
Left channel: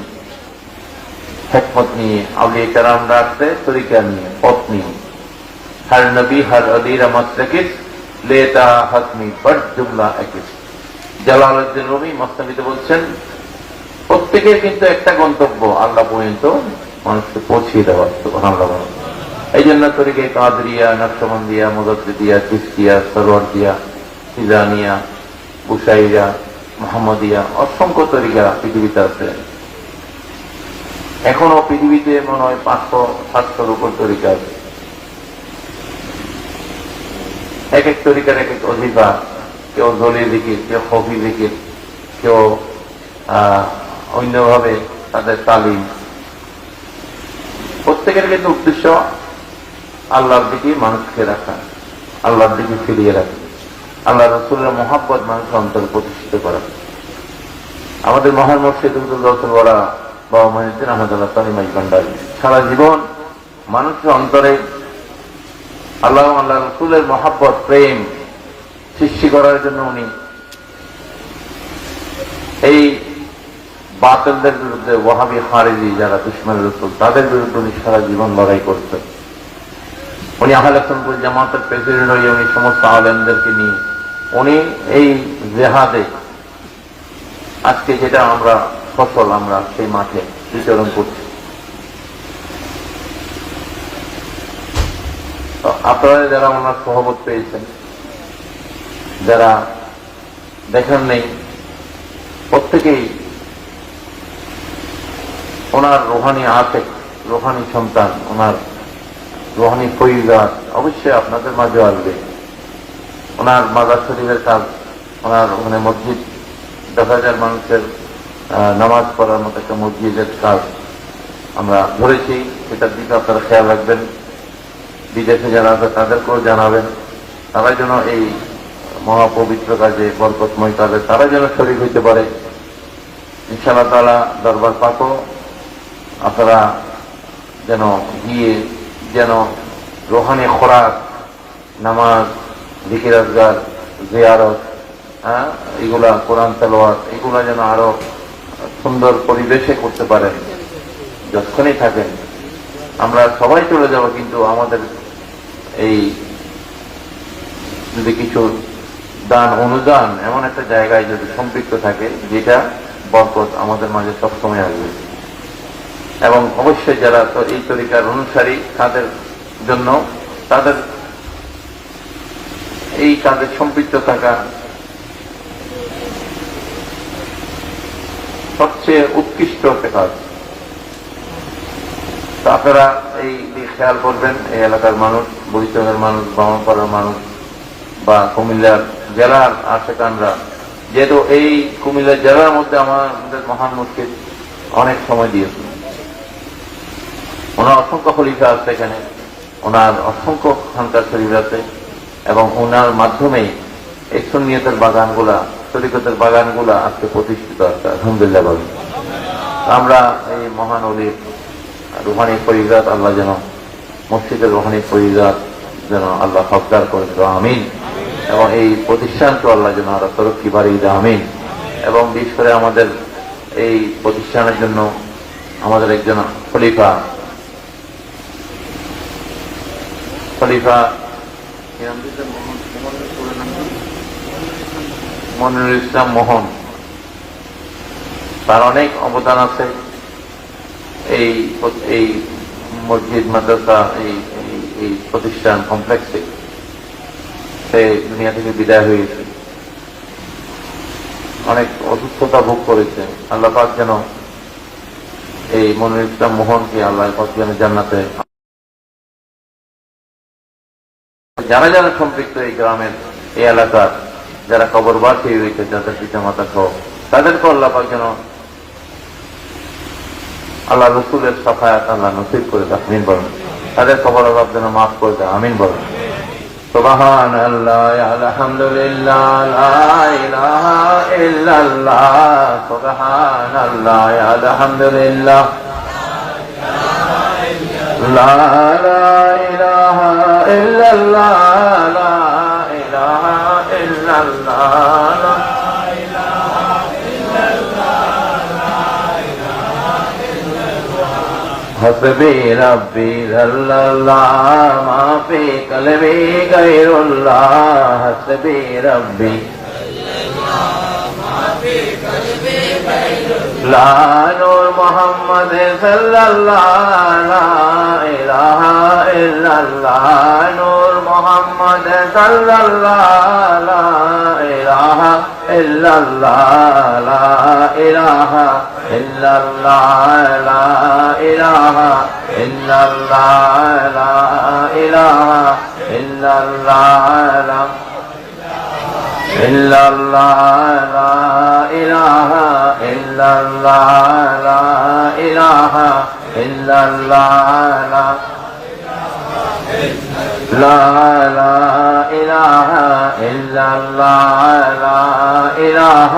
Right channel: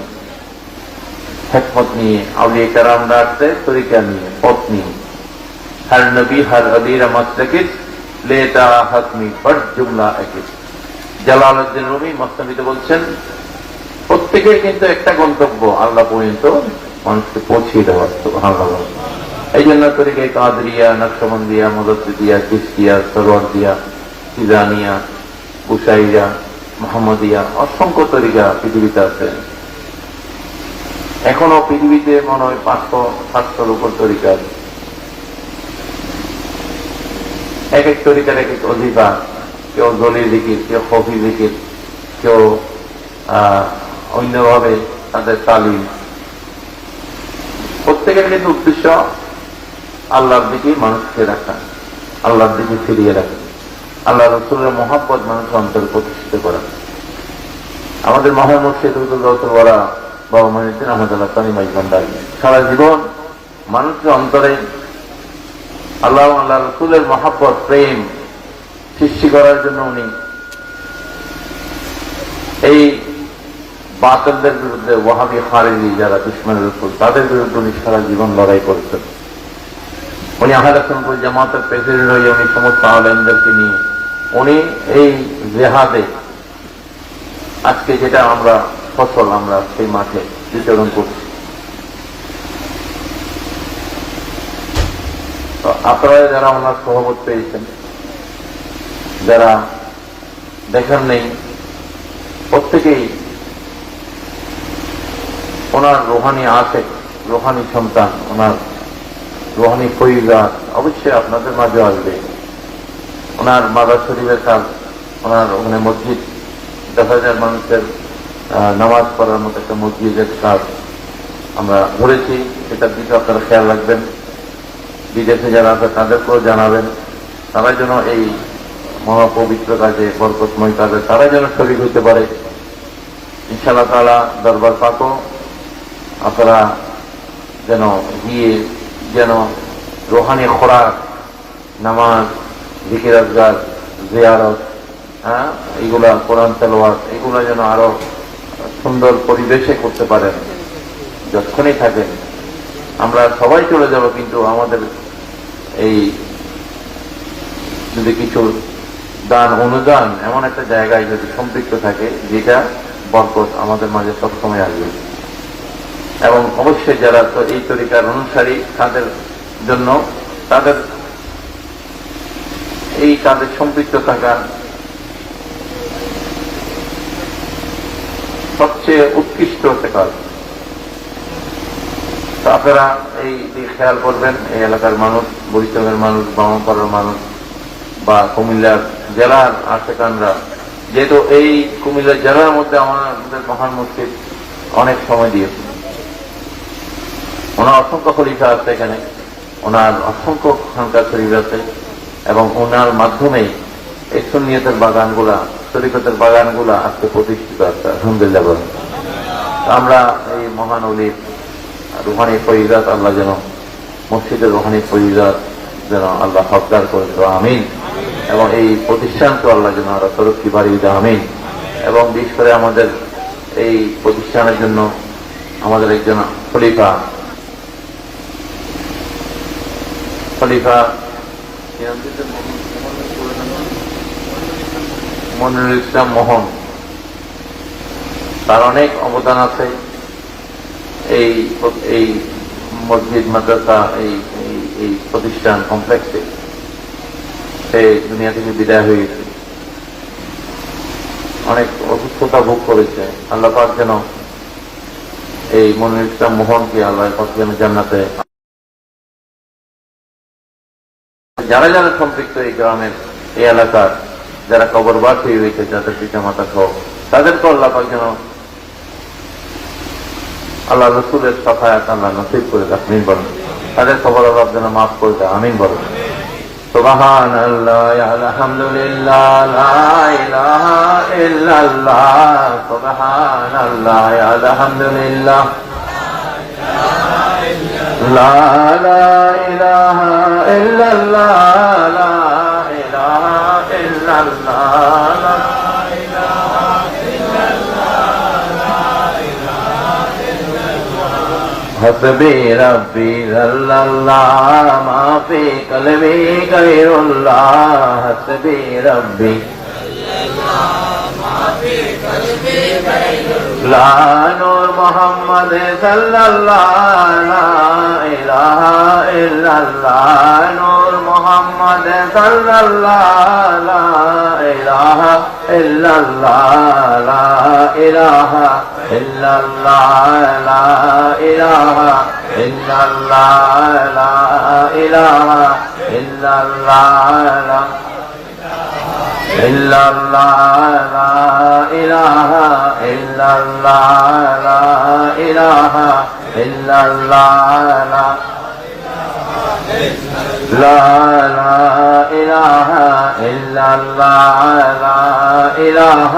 হিকমত নিয়ে, আউলিয়া কেরামরা আসছে তরিকা নিয়ে, পথ নিয়ে। হর নবী হর আলীরা মাসলাকিস লেতা হকমি বড় জুমলা একিস। জালালউদ্দিন রুমি মসনবিতে বলছেন, প্রত্যেকের কিন্তু একটা গন্তব্য, আল্লাহ পর্যন্ত মানুষকে পৌঁছিয়ে দেওয়া। সুবহানাল্লাহ। এই জন্য তরিকায় কাদরিয়া, নকশবন্দিয়া, মুজাদ্দিদিয়া, চিশতিয়া, সরওয়ার্দিয়া, তিজানিয়া, বুশাইরা, মুহাম্মদিয়া, অসংখ্য তরিকা পৃথিবীতে আছে। এখনো পৃথিবীতে মনে হয় 500-700-র উপর তরিকা আছে। এক এক তরিকার এক এক অধিকার। কেউ দলীয় জিকির, কেউ খফি জিকির, কেউ অন্যভাবে তাদের তালিম। প্রত্যেকের কিন্তু উদ্দেশ্য আল্লাহর দিকে মানুষকে রাখা, আল্লাহর দিকে ফিরিয়ে রাখা, আল্লাহ রাসূলের মহব্বত মানুষের অন্তরে প্রতিষ্ঠিত করা। আমাদের মহান মুর্শিদ গৌসুলওয়ালা বাবা মঈনুদ্দিন আহমদ তাইমাইজবান্ডারি সারা জীবন মানুষের অন্তরে আল্লাহ আল্লাহ রাসূলের মহব্বত, প্রেম সৃষ্টি করার জন্য উনি এই বাতিলদের বিরুদ্ধে, ওয়াহাবি খারিজি যারা দুশমন রাসূল, তাদের বিরুদ্ধে উনি সারা জীবন লড়াই করেছেন। উনি আহলে সুন্নাত জামাতের প্রেসিডেন্ট হয়ে উনি সমস্ত আলেমদেরকে নিয়ে উনি এই জিহাদে আজকে যেটা আমরা সফল, আমরা সেই মাঠে বিতরণ করছি। আপনারা যারা ওনার সহমত পেয়েছেন, যারা দেখেন নেই, প্রত্যেকেই ওনার রুহানি আশেক, রুহানি সন্তান, ওনার রুহানি পরিবার অবশ্যই আপনাদের মাঝে আসবে। ওনার মাজার শরীফের কাজ, ওনার ওখানে মসজিদ দেখা যায়, মানুষের নামাজ পড়ার মতো একটা মসজিদের কাজ আমরা ধরেছি। সেটার দিকে আপনারা খেয়াল রাখবেন। বিদেশে যারা আছে তাদেরকেও জানাবেন, তারা যেন এই মহাপবিত্র কাজে, বরকতময় কাজে তারা যেন শরীক হইতে পারে। ইনশাআল্লাহ তাআলা দরবার পাকও আপনারা যেন গিয়ে যেন রুহানি খোরাক, নামাজ, জিকির আজকার, জিয়ারত, এগুলা, কোরআন তেলাওয়াত, এগুলা যেন আরো সুন্দর পরিবেশে করতে পারেন, যতক্ষণই থাকেন। আমরা সবাই চলে যাব, কিন্তু আমাদের এই যদি কিছু দান অনুদান এমন একটা জায়গায় যদি সম্পৃক্ত থাকে, যেটা বরকত আমাদের মাঝে সবসময় আসবে। এবং অবশ্যই যারা এই তরিকার অনুসারী, তাদের জন্য, তাদের এই কাজে সম্পৃক্ত থাকা সবচেয়ে উৎকৃষ্ট একটা কাজ। আপনারা এই খেয়াল করবেন, এই এলাকার মানুষ, বরিশালের মানুষ, ব্রাহ্মণপাড়ার মানুষ বা কুমিল্লার জেলার আশেপাশরা যেহেতু এই কুমিল্লা জেলার মধ্যে আমাদের মহান মুফতি অনেক সময় দিয়েছে, ওনার অসংখ্য খলিফা আছে এখানে, ওনার অসংখ্য খানকার শরীর আছে, এবং ওনার মাধ্যমে এই সুন্নিয়তের বাগানগুলা, তরিকতের বাগানগুলা আত্মপ্রতিষ্ঠিত আছে। আলহামদুলিল্লাহ বলেন। আমরা এই মহান অলির রুহানি ফরিদাত আল্লাহ যেন, মসজিদের রুহানি ফরিদাত যেন আল্লাহ হকদার করে দেওয়া, আমিন। এবং এই প্রতিষ্ঠানকে আল্লাহ যেন আরো তরক্কি বাড়িয়ে দেওয়া, আমিন। এবং বিশেষ করে আমাদের এই প্রতিষ্ঠানের জন্য আমাদের একজন খলিফা মনিরুল ইসলাম মোহন, তার অনেক অবদান আছে এই মসজিদ মাদ্রাসা এই প্রতিষ্ঠান কমপ্লেক্সে। সে দুনিয়া থেকে বিদায় হয়েছে, অনেক অসুস্থতা ভোগ করেছে। আল্লাহ পাক যেন এই মনিরুল ইসলাম মোহনকে আল্লাহ পাক যেন জান্নাতে, যারা যারা সম্পৃক্ত এই গ্রামের এই এলাকার যারা কবরবাসী হয়েছে, যাদের পিতা মাতা সহ, তাদেরকে আল্লাহ পাক যেন আল্লাহ রসুলের সহায়ত আল্লাহ নসিব করে দেয়, আমিন বলেন। তাদের কবর আল্লাহ যেন মাফ করে দেয়, আমিন বলেন। সুবহানাল্লাহ, আলহামদুলিল্লাহ, লা ইলাহা ইল্লাল্লাহ, সুবহানাল্লাহ, আলহামদুলিল্লাহ, লা ইলাহা ইল্লাল্লাহ, লা ইলাহা ইল্লাল্লাহ, حسبي ربي جل الله ما في قلبي غير الله حسبي ربي لا نور محمد صلى الله لا إله إلا الله نور محمد صلى الله لا إله إلا الله لا إله إلا الله لا إله إلا الله لا إله إلا الله لا إلا الله لا إله إلا الله لا إله إلا الله لا إله إلا الله لا إله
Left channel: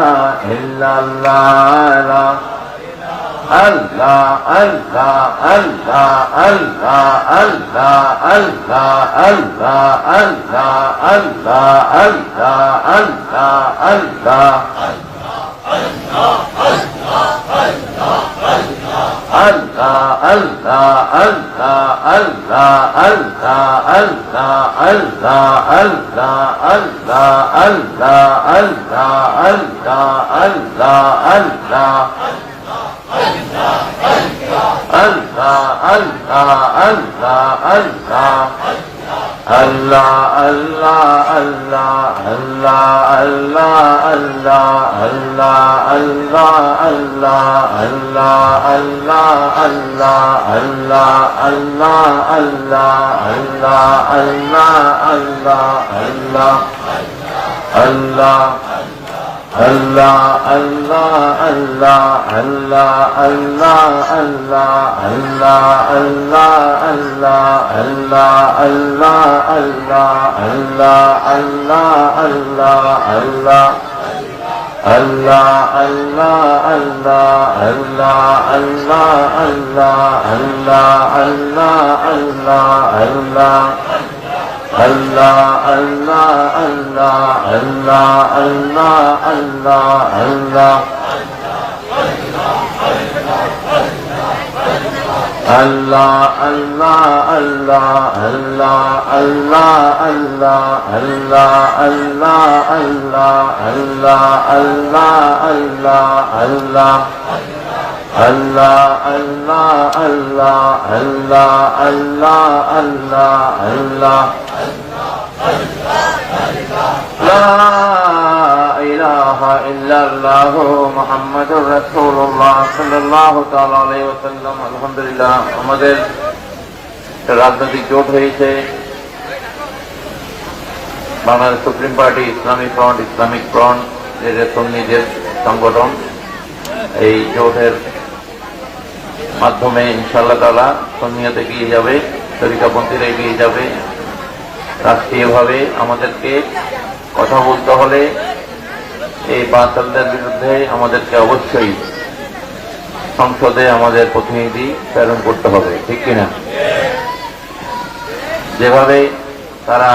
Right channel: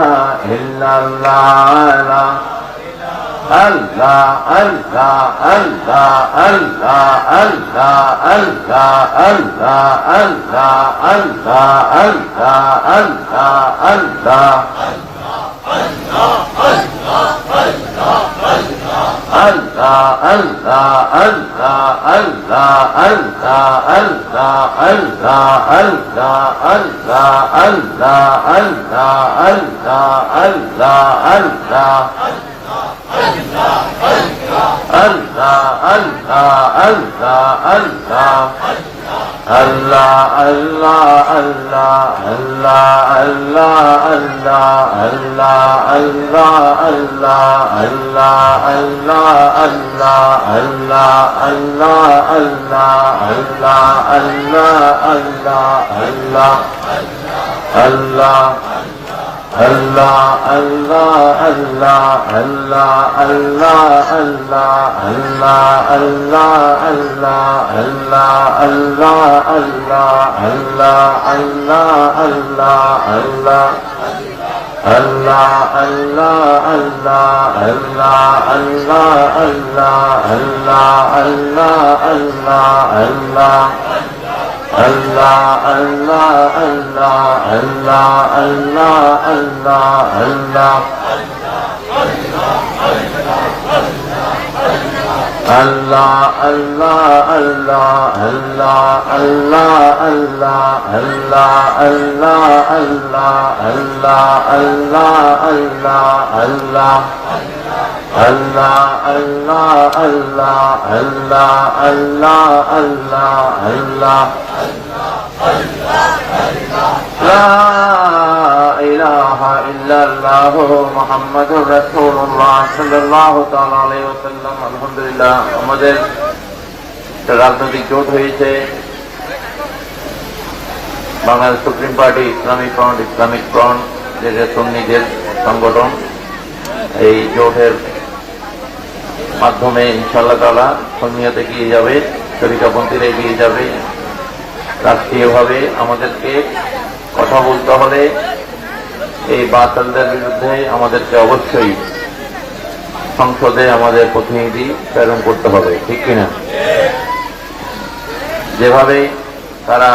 إلا الله لا الله الله الله الله الله الله الله الله الله الله الله আলহামদুলিল্লাহ আমাদের রাজনৈতিক জোট হয়েছে, Bangladesh supreme party, Islamic front, Islamic front, যে সুন্নিদের সংগঠন, এই জোটের মাধ্যমে ইনশাআল্লাহ তাআলা সুন্নিয়ত এগিয়ে যাবে, তরিকাপন্থীরা এগিয়ে যাবে। রাষ্ট্রীয়ভাবে আমাদেরকে কথা বলতে হলে এই বাতিলদের বিরুদ্ধে আমাদেরকে অবশ্যই সংসদে আমাদের প্রতিনিধি প্রেরণ করতে হবে, ঠিক কিনা? যেভাবে তারা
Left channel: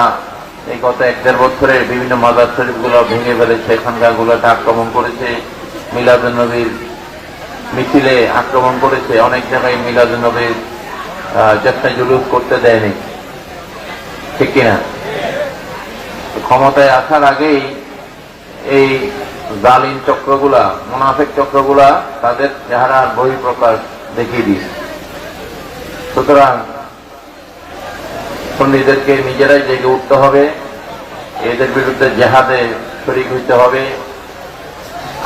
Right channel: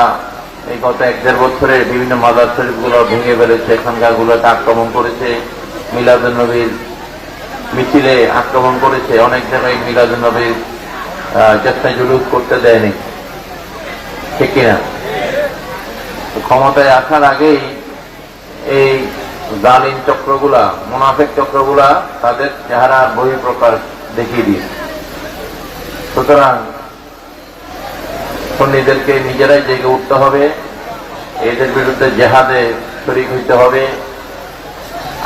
এই গত 1-1.5 বছরে বিভিন্ন মাদার শরীফগুলো ভেঙে ফেলেছে, খানকাগুলোকে আক্রমণ করেছে, মিলাদুন নবীর মিছিলে আক্রমণ করেছে, অনেক জায়গায় মিলাদুন নবীর চেষ্টা জুলুস করতে দেয়নি, ঠিক কিনা? ক্ষমতায় আসার আগেই এই জালিম চক্রগুলা, মুনাফিক চক্রগুলা তাদের চেহারা বহিঃপ্রকাশ দেখিয়ে দিয়েছে। সুতরাং সুন্নিদেরকে নিজেরাই জেগে উঠতে হবে, এদের বিরুদ্ধে জেহাদে শরীক হইতে হবে।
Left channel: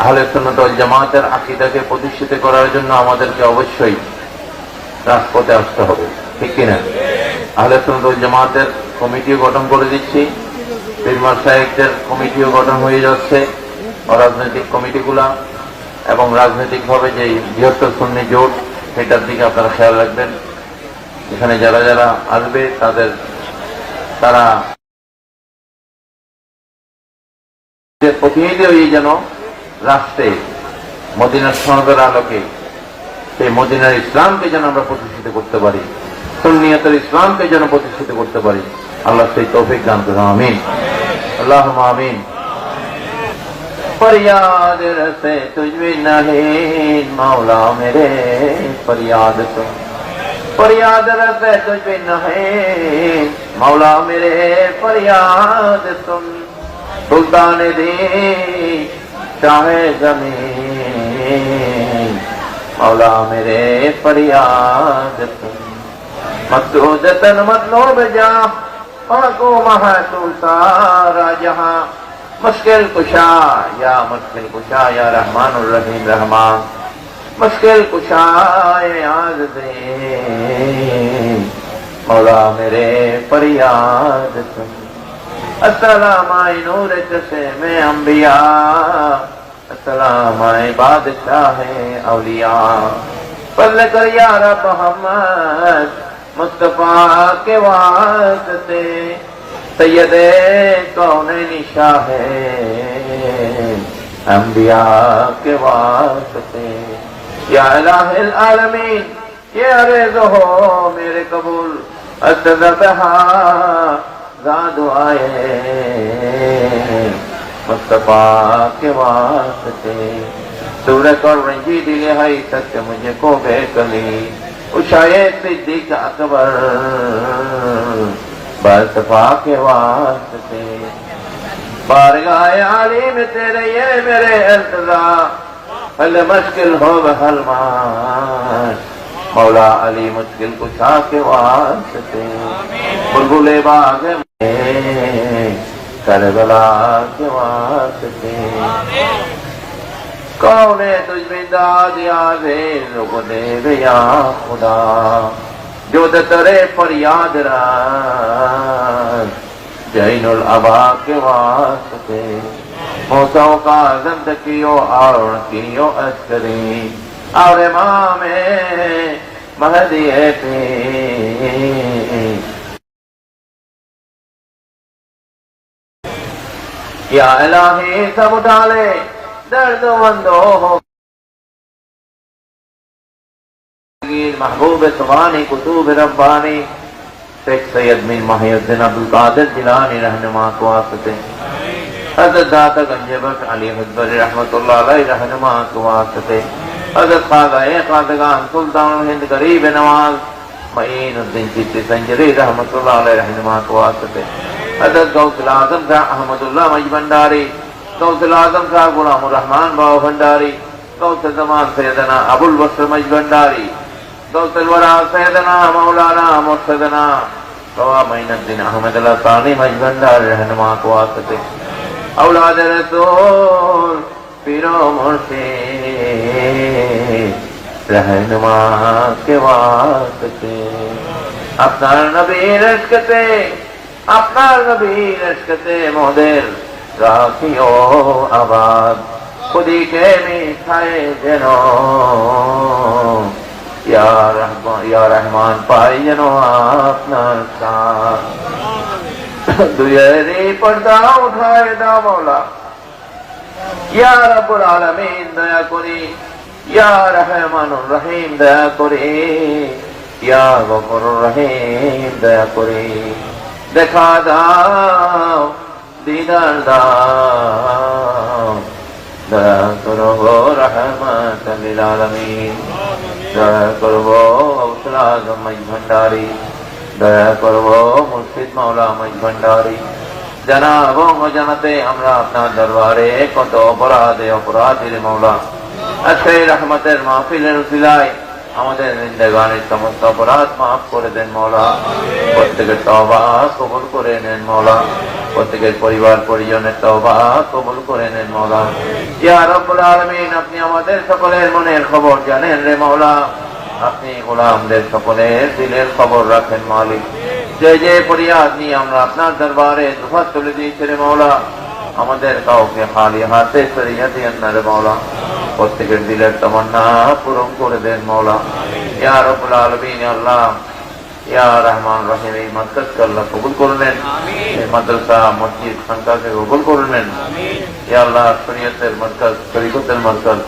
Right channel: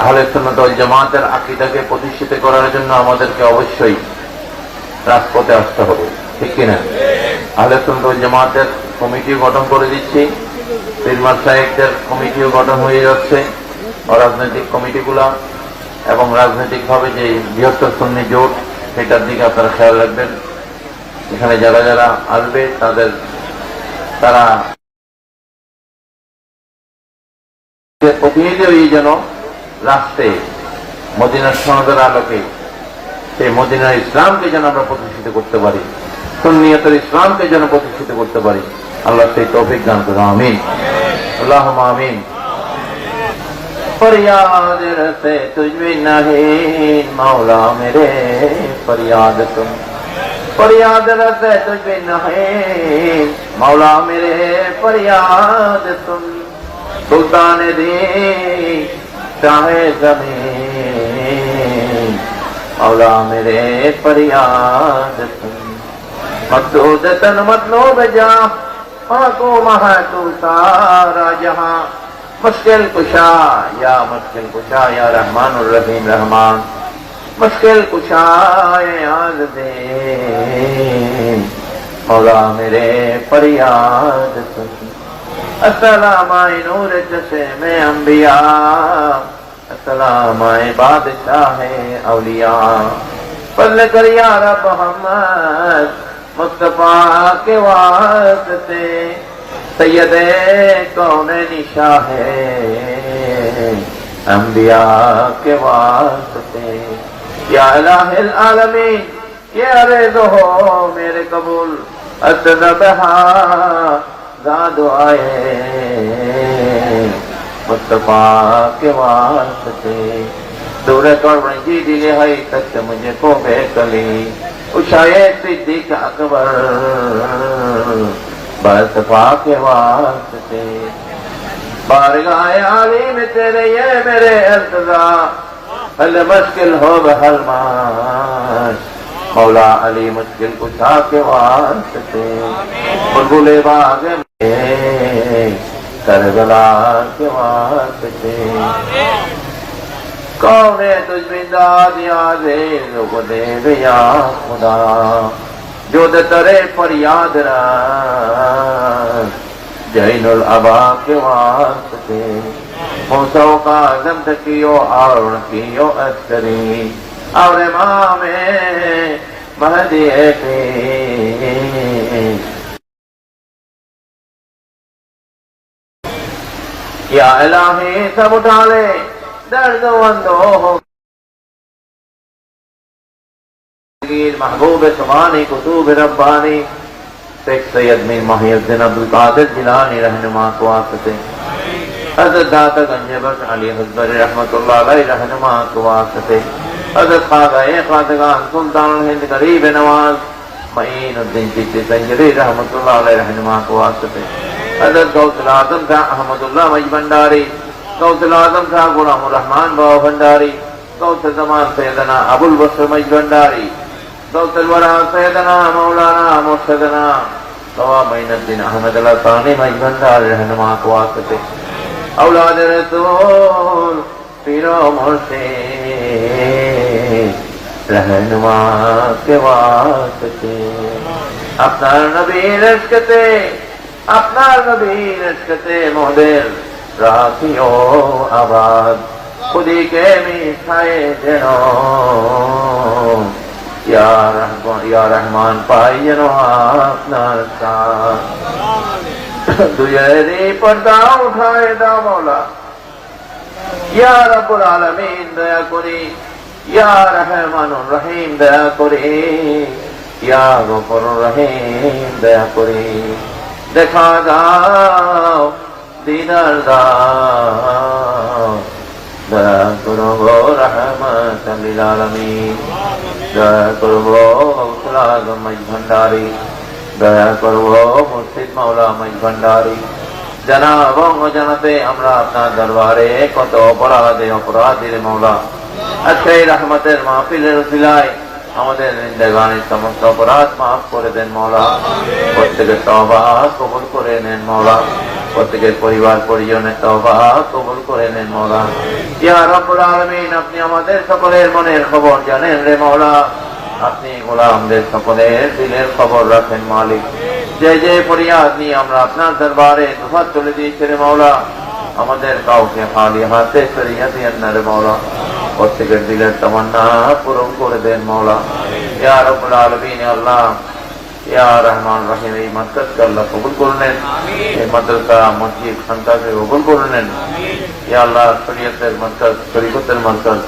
আহলে সুন্নাত ওয়াল জামাতের আকীদাকে প্রতিষ্ঠিত করার জন্য আমাদেরকে অবশ্যই রাজপথে আসতে হবে, ঠিক কিনা? আহলে সুন্নাত ওয়াল জামাতের কমিটি গঠন করে দিচ্ছি, পীর মাশায়েখদের কমিটিও গঠন হয়ে যাচ্ছে, রাজনৈতিক কমিটিগুলা, এবং রাজনৈতিকভাবে যে বৃহত্তর সুন্নি জোট, সেটার দিকে আপনারা খেয়াল রাখবেন। এখানে যারা যারা আসবে তারা প্রতিনিধি হয়ে যেন রাষ্ট্রে মদিনার সনদের আলোকে সেই মদিনার ইসলামকে যেন আমরা প্রতিষ্ঠিত করতে পারি, সুন্নিয়তের ইসলামকে যেন প্রতিষ্ঠিত করতে পারি। আল্লাহ সেই তৌফিক দান করুন, আমিন, আল্লাহুম্মা আমিন। फरियाद रसे तुझ में नहीं मौला मेरे, फरियाद तो फरियाद रसे तुझ में नहीं मौला मेरे, फरियाद तुम सुल्तान दी चाहे जमीन, मौला मेरे फरियाद तुम मकसूद तन मतलब जा को महा तू सारा जहां, मुश्किल कुशा या रहमान रहीम रहमान, मुश्किल कुशा याद दे मौला मेरे फरियाद सुन। अस्सलाम नूर जैसे में अंबिया, अस्सलाम बादशाह औलिया, फज़ल कर या रब मोहम्मद मुस्तफा के वास्ते, सैयदे कौनैनी शाहे अंबिया के वास्ते, या इलाहिल आलमीन ये अर्ज़ हो मेरे कबूल, असदहा दुआए मुस्तफा के वास्ते, सूरत और रंजी दिले है सच मुझे को है कली, उशाए सिद्दीक अकबर मुस्तफा के वास्ते, बारगाह आली में तेरे ये मेरे अल्तजा, हल मुश्किल हो बहल मान, मौला अली मुश्किल कुशा के वास्ते, बुलबुल बाग में करबला के वास्ते, कौन तुझ में दाद यादे लोग देव या खुदा, जो करे फरियाद जैनुल अबा के वास्ते, मूसा का आज़म कियो और कियो अस्करी, और इमाम महदी पे या इलाही सब उठा ले दर्द वंदो हो, महबूब सुबानी कुतूब रब्बानी, शेख सैयद बिन मुहीद्दीन अब्दुल कादिर जिलानी रहनुमा को वास्ते, हज़रत दाता गंज बख्श अली हज़रत रहमतुल्लाह अलैहि रहनुमा को वास्ते, हज़रत ख़ाज़ा सुल्तान हिंद गरीब नवाज मईनुद्दीन चिश्ती संजरी रहमतुल्लाह अलैहि रहनुमा को वास्ते, हज़रत गौसुल आज़म शाह अहमदुल्लाह मज भंडारी, गौसुल आज़म शाह गुलामुर रहमान बाबा भंडारी, गौसुल ज़मान सैयदना अबुल बकर मज भंडारी, गौसुल वरा सैयदना मौलाना मुर्शदना बाबा मईनुद्दीन अहमद अल्लाह तानी मज भंडारी रहनुमा को वास्ते, औलाद रसूल पीरो मुर्शिद रहनुमा के वास्ते, আপনার নবীর ইশকতে মোদের রাখিও আবাদ, খুদিকে মিঠায়ে যেন ইয়া রহমান পাই যেন আপনার কাজ। দুয়ারে পর্দা উঠায় দাও মওলা, ইয়া রাব্বুল আলামিন দয়া করে, ইয়া রহমানুর রহিম দয়া করে, ইয়া গফুরুর রহিম দয়া করে দেখা দাও, দিদার দাও, দয়া করো রহমাতাল লিল আলামিন, দয়া করবো আজম ভান্ডারী, দয়া করবো মুর্শিদ মাওলা ভান্ডারী। জানাব ও জানাতে আমরা আপনার দরবারে কত অপরাধীর মাওলা, আজকে রহমতের মাহফিলের সিলায় আমাদের জিন্দেগানির সমস্ত অপরাধ মাফ করে দেন মাওলা, প্রত্যেকের তওবা কবুল করে নেন মাওলা, প্রত্যেকের পরিবার পরিজনের তওবা কবুল করে নেন মাওলা। ইয়া রাব্বুল আলামিন, আপনি আমাদের সকলের মনের খবর জানেন রে মাওলা, আপনি গোলামদের সকলের দিলের খবর রাখেন মালিক। যে যে ফরিয়াদ নিয়ে আমরা আপনার দরবারে দুহাত তুলে দিয়েছি রে মাওলা, আমাদের কাউকে খালি হাতে সরিয়ে দিয়েন না রে মাওলা, প্রত্যেকের দিলের তামান্না পূরণ করে দেন মাওলা। ইয়া রাব্বুল আলামিন, আল্লাহ ইয়া রহমান রহিম, এই মাদ্রাসাকে আল্লাহ কবুল করলেন, এই মাদ্রাসা মসজিদ সন্তানকে কবুল করলেন। ইয়া আল্লাহ শরীয়তের মার্কাজ, শরীয়তের মার্কাজ,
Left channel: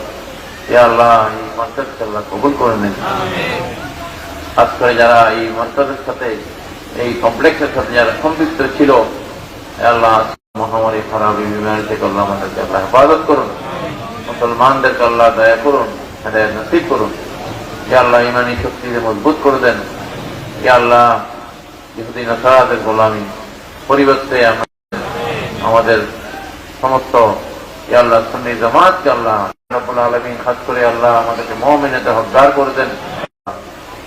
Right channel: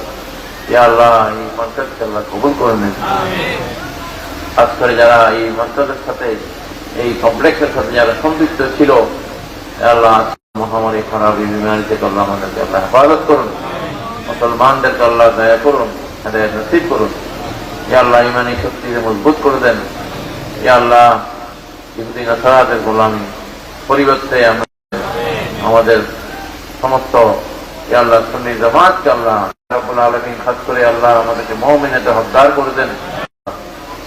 ইয়া আল্লাহ এই মাদ্রাসাকে আল্লাহ কবুল করলেন। আজকে যারা এই মাদ্রাসার সাথে, এই কমপ্লেক্সের সাথে যারা সম্পৃক্ত ছিল, আল্লাহ মহামারী খারাপ বিমারি থেকে আল্লাহ আমাদেরকে আল্লাহ হেফাজত করুন, মুসলমানদেরকে আল্লাহ দয়া করুন, হেদায়েত নসিব করুন। ইয়া আল্লাহ ইমানি শক্তিকে মজবুত করে দেন। ইয়া আল্লাহ ইহুদি নাসারাদের গোলামি পরিবর্তে আমাদের সমস্ত ইয়া আল্লাহ সুন্নি জামাতকে আল্লাহ রাব্বুল আলামিন খাস করে আল্লাহ আমাদেরকে মুমিনে হকদার করে দেন।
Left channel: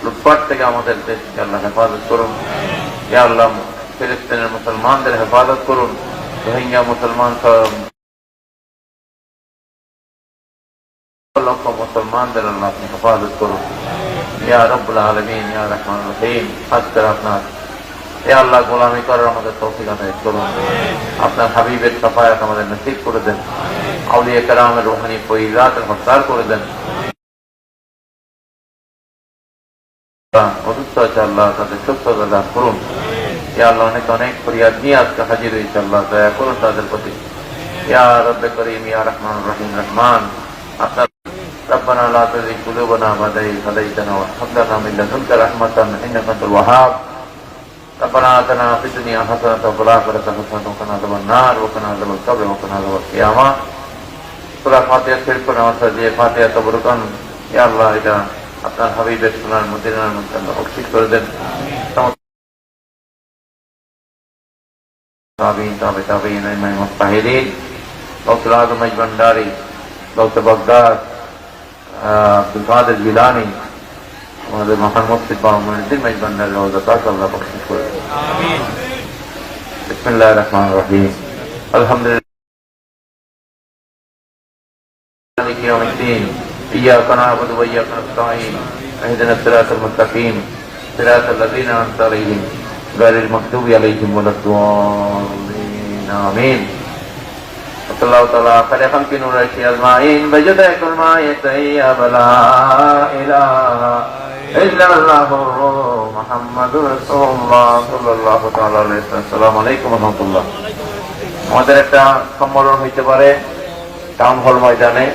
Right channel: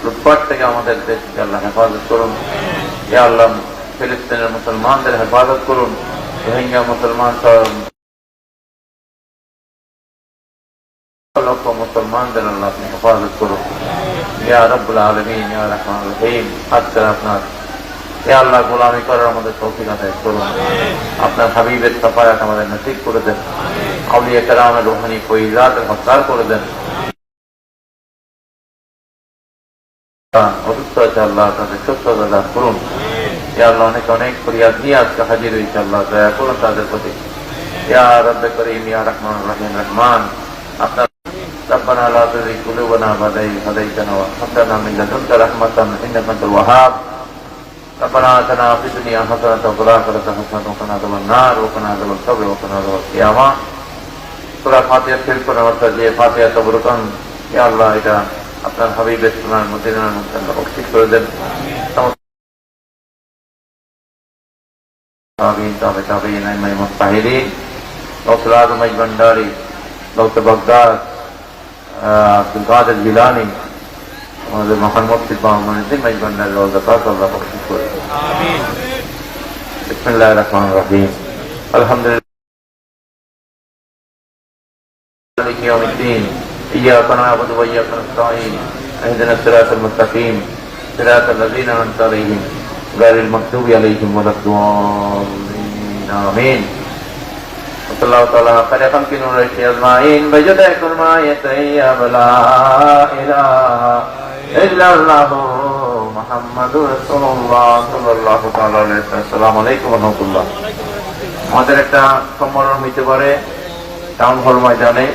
উৎপাত থেকে আমাদের দেশকে আল্লাহ হেফাজত করুন। ইয়া আল্লাহ ফিলিস্তিনের মুসলমানদের হেফাজত করুন, রোহিঙ্গা মুসলমান লক্ষ মুসলমানদের আল্লাহ আপনি হেফাজত করুন। ইয়া রাব্বুল আলামিন, ইয়া রহমানুর রহিম, আজকের আপনার ইয়া আল্লাহ গোলামি করে আমাদের তৌফিক আদায় করুন। আপনার হাবিবের সাফায়াত আমাদের নসিব করে দেন। আউলিয়া কেরামের রুহানি ফয়িজাতের হকদার করে দেন। অসুস্থ আছে আল্লাহ তাদের সুস্থ প্রদান করুন। ইয়া আল্লাহ অনেক ফরিয়াদ নিয়ে আজকে হাজির হয়েছে, আল্লাহ দয়া করুন তাদের প্রতি। ইয়া রব্বে করিম, ইয়া রহমানুর রহিম রহমান, আপনার ربنا لا تزغ قلوبنا بعد إذ هديتنا وهب لنا من لدنك رحمة إنك أنت الوهاب. ربنا آتنا في الدنيا حسنة وفي الآخرة حسنة وقنا عذاب النار وقنا عذاب القبر وقنا عذاب القيامة. সূরা ফাতিহা শেষ করে আমরা যে ফাতিহা তবরকান, ইয়া আল্লাহ এটা আপনার হাবিবের সুনার মদিনার মধ্যে আল্লাহ বরকত করে দেন। আমিন। তবে তাবিঈন ইমাম মুজতাহিদিন গৌসুল আজম ভান্ডারী, গৌসে বাগদাদ, আব্দুল কাদের জিলানী, আমাদের মোহাম্মদ সিদ্দিক ভান্ডারী বরকত আল্লাহ বরকত করে দেন। আমিন। বিসমিল্লাহির রহমানির রহিম। আলহামদুলিল্লাহ মালিকি ইয়াউমিদ্দিন, إياك نعبد وإياك نستعين اهدنا الصراط المستقيم صراط الذين أنعمت عليهم غير المغضوب عليهم ولا الضالين آمين. وصلى الله تعالى على خلق نور أجمعين بجزاء كل ما يتيب لا إله إلا الله محمد رسول الله صلى الله تعالى عليه وسلم. السلام عليكم ورحمة الله. আমাদের একটা সম্মেলন হইতে পারে টাউন হল ময়দানে।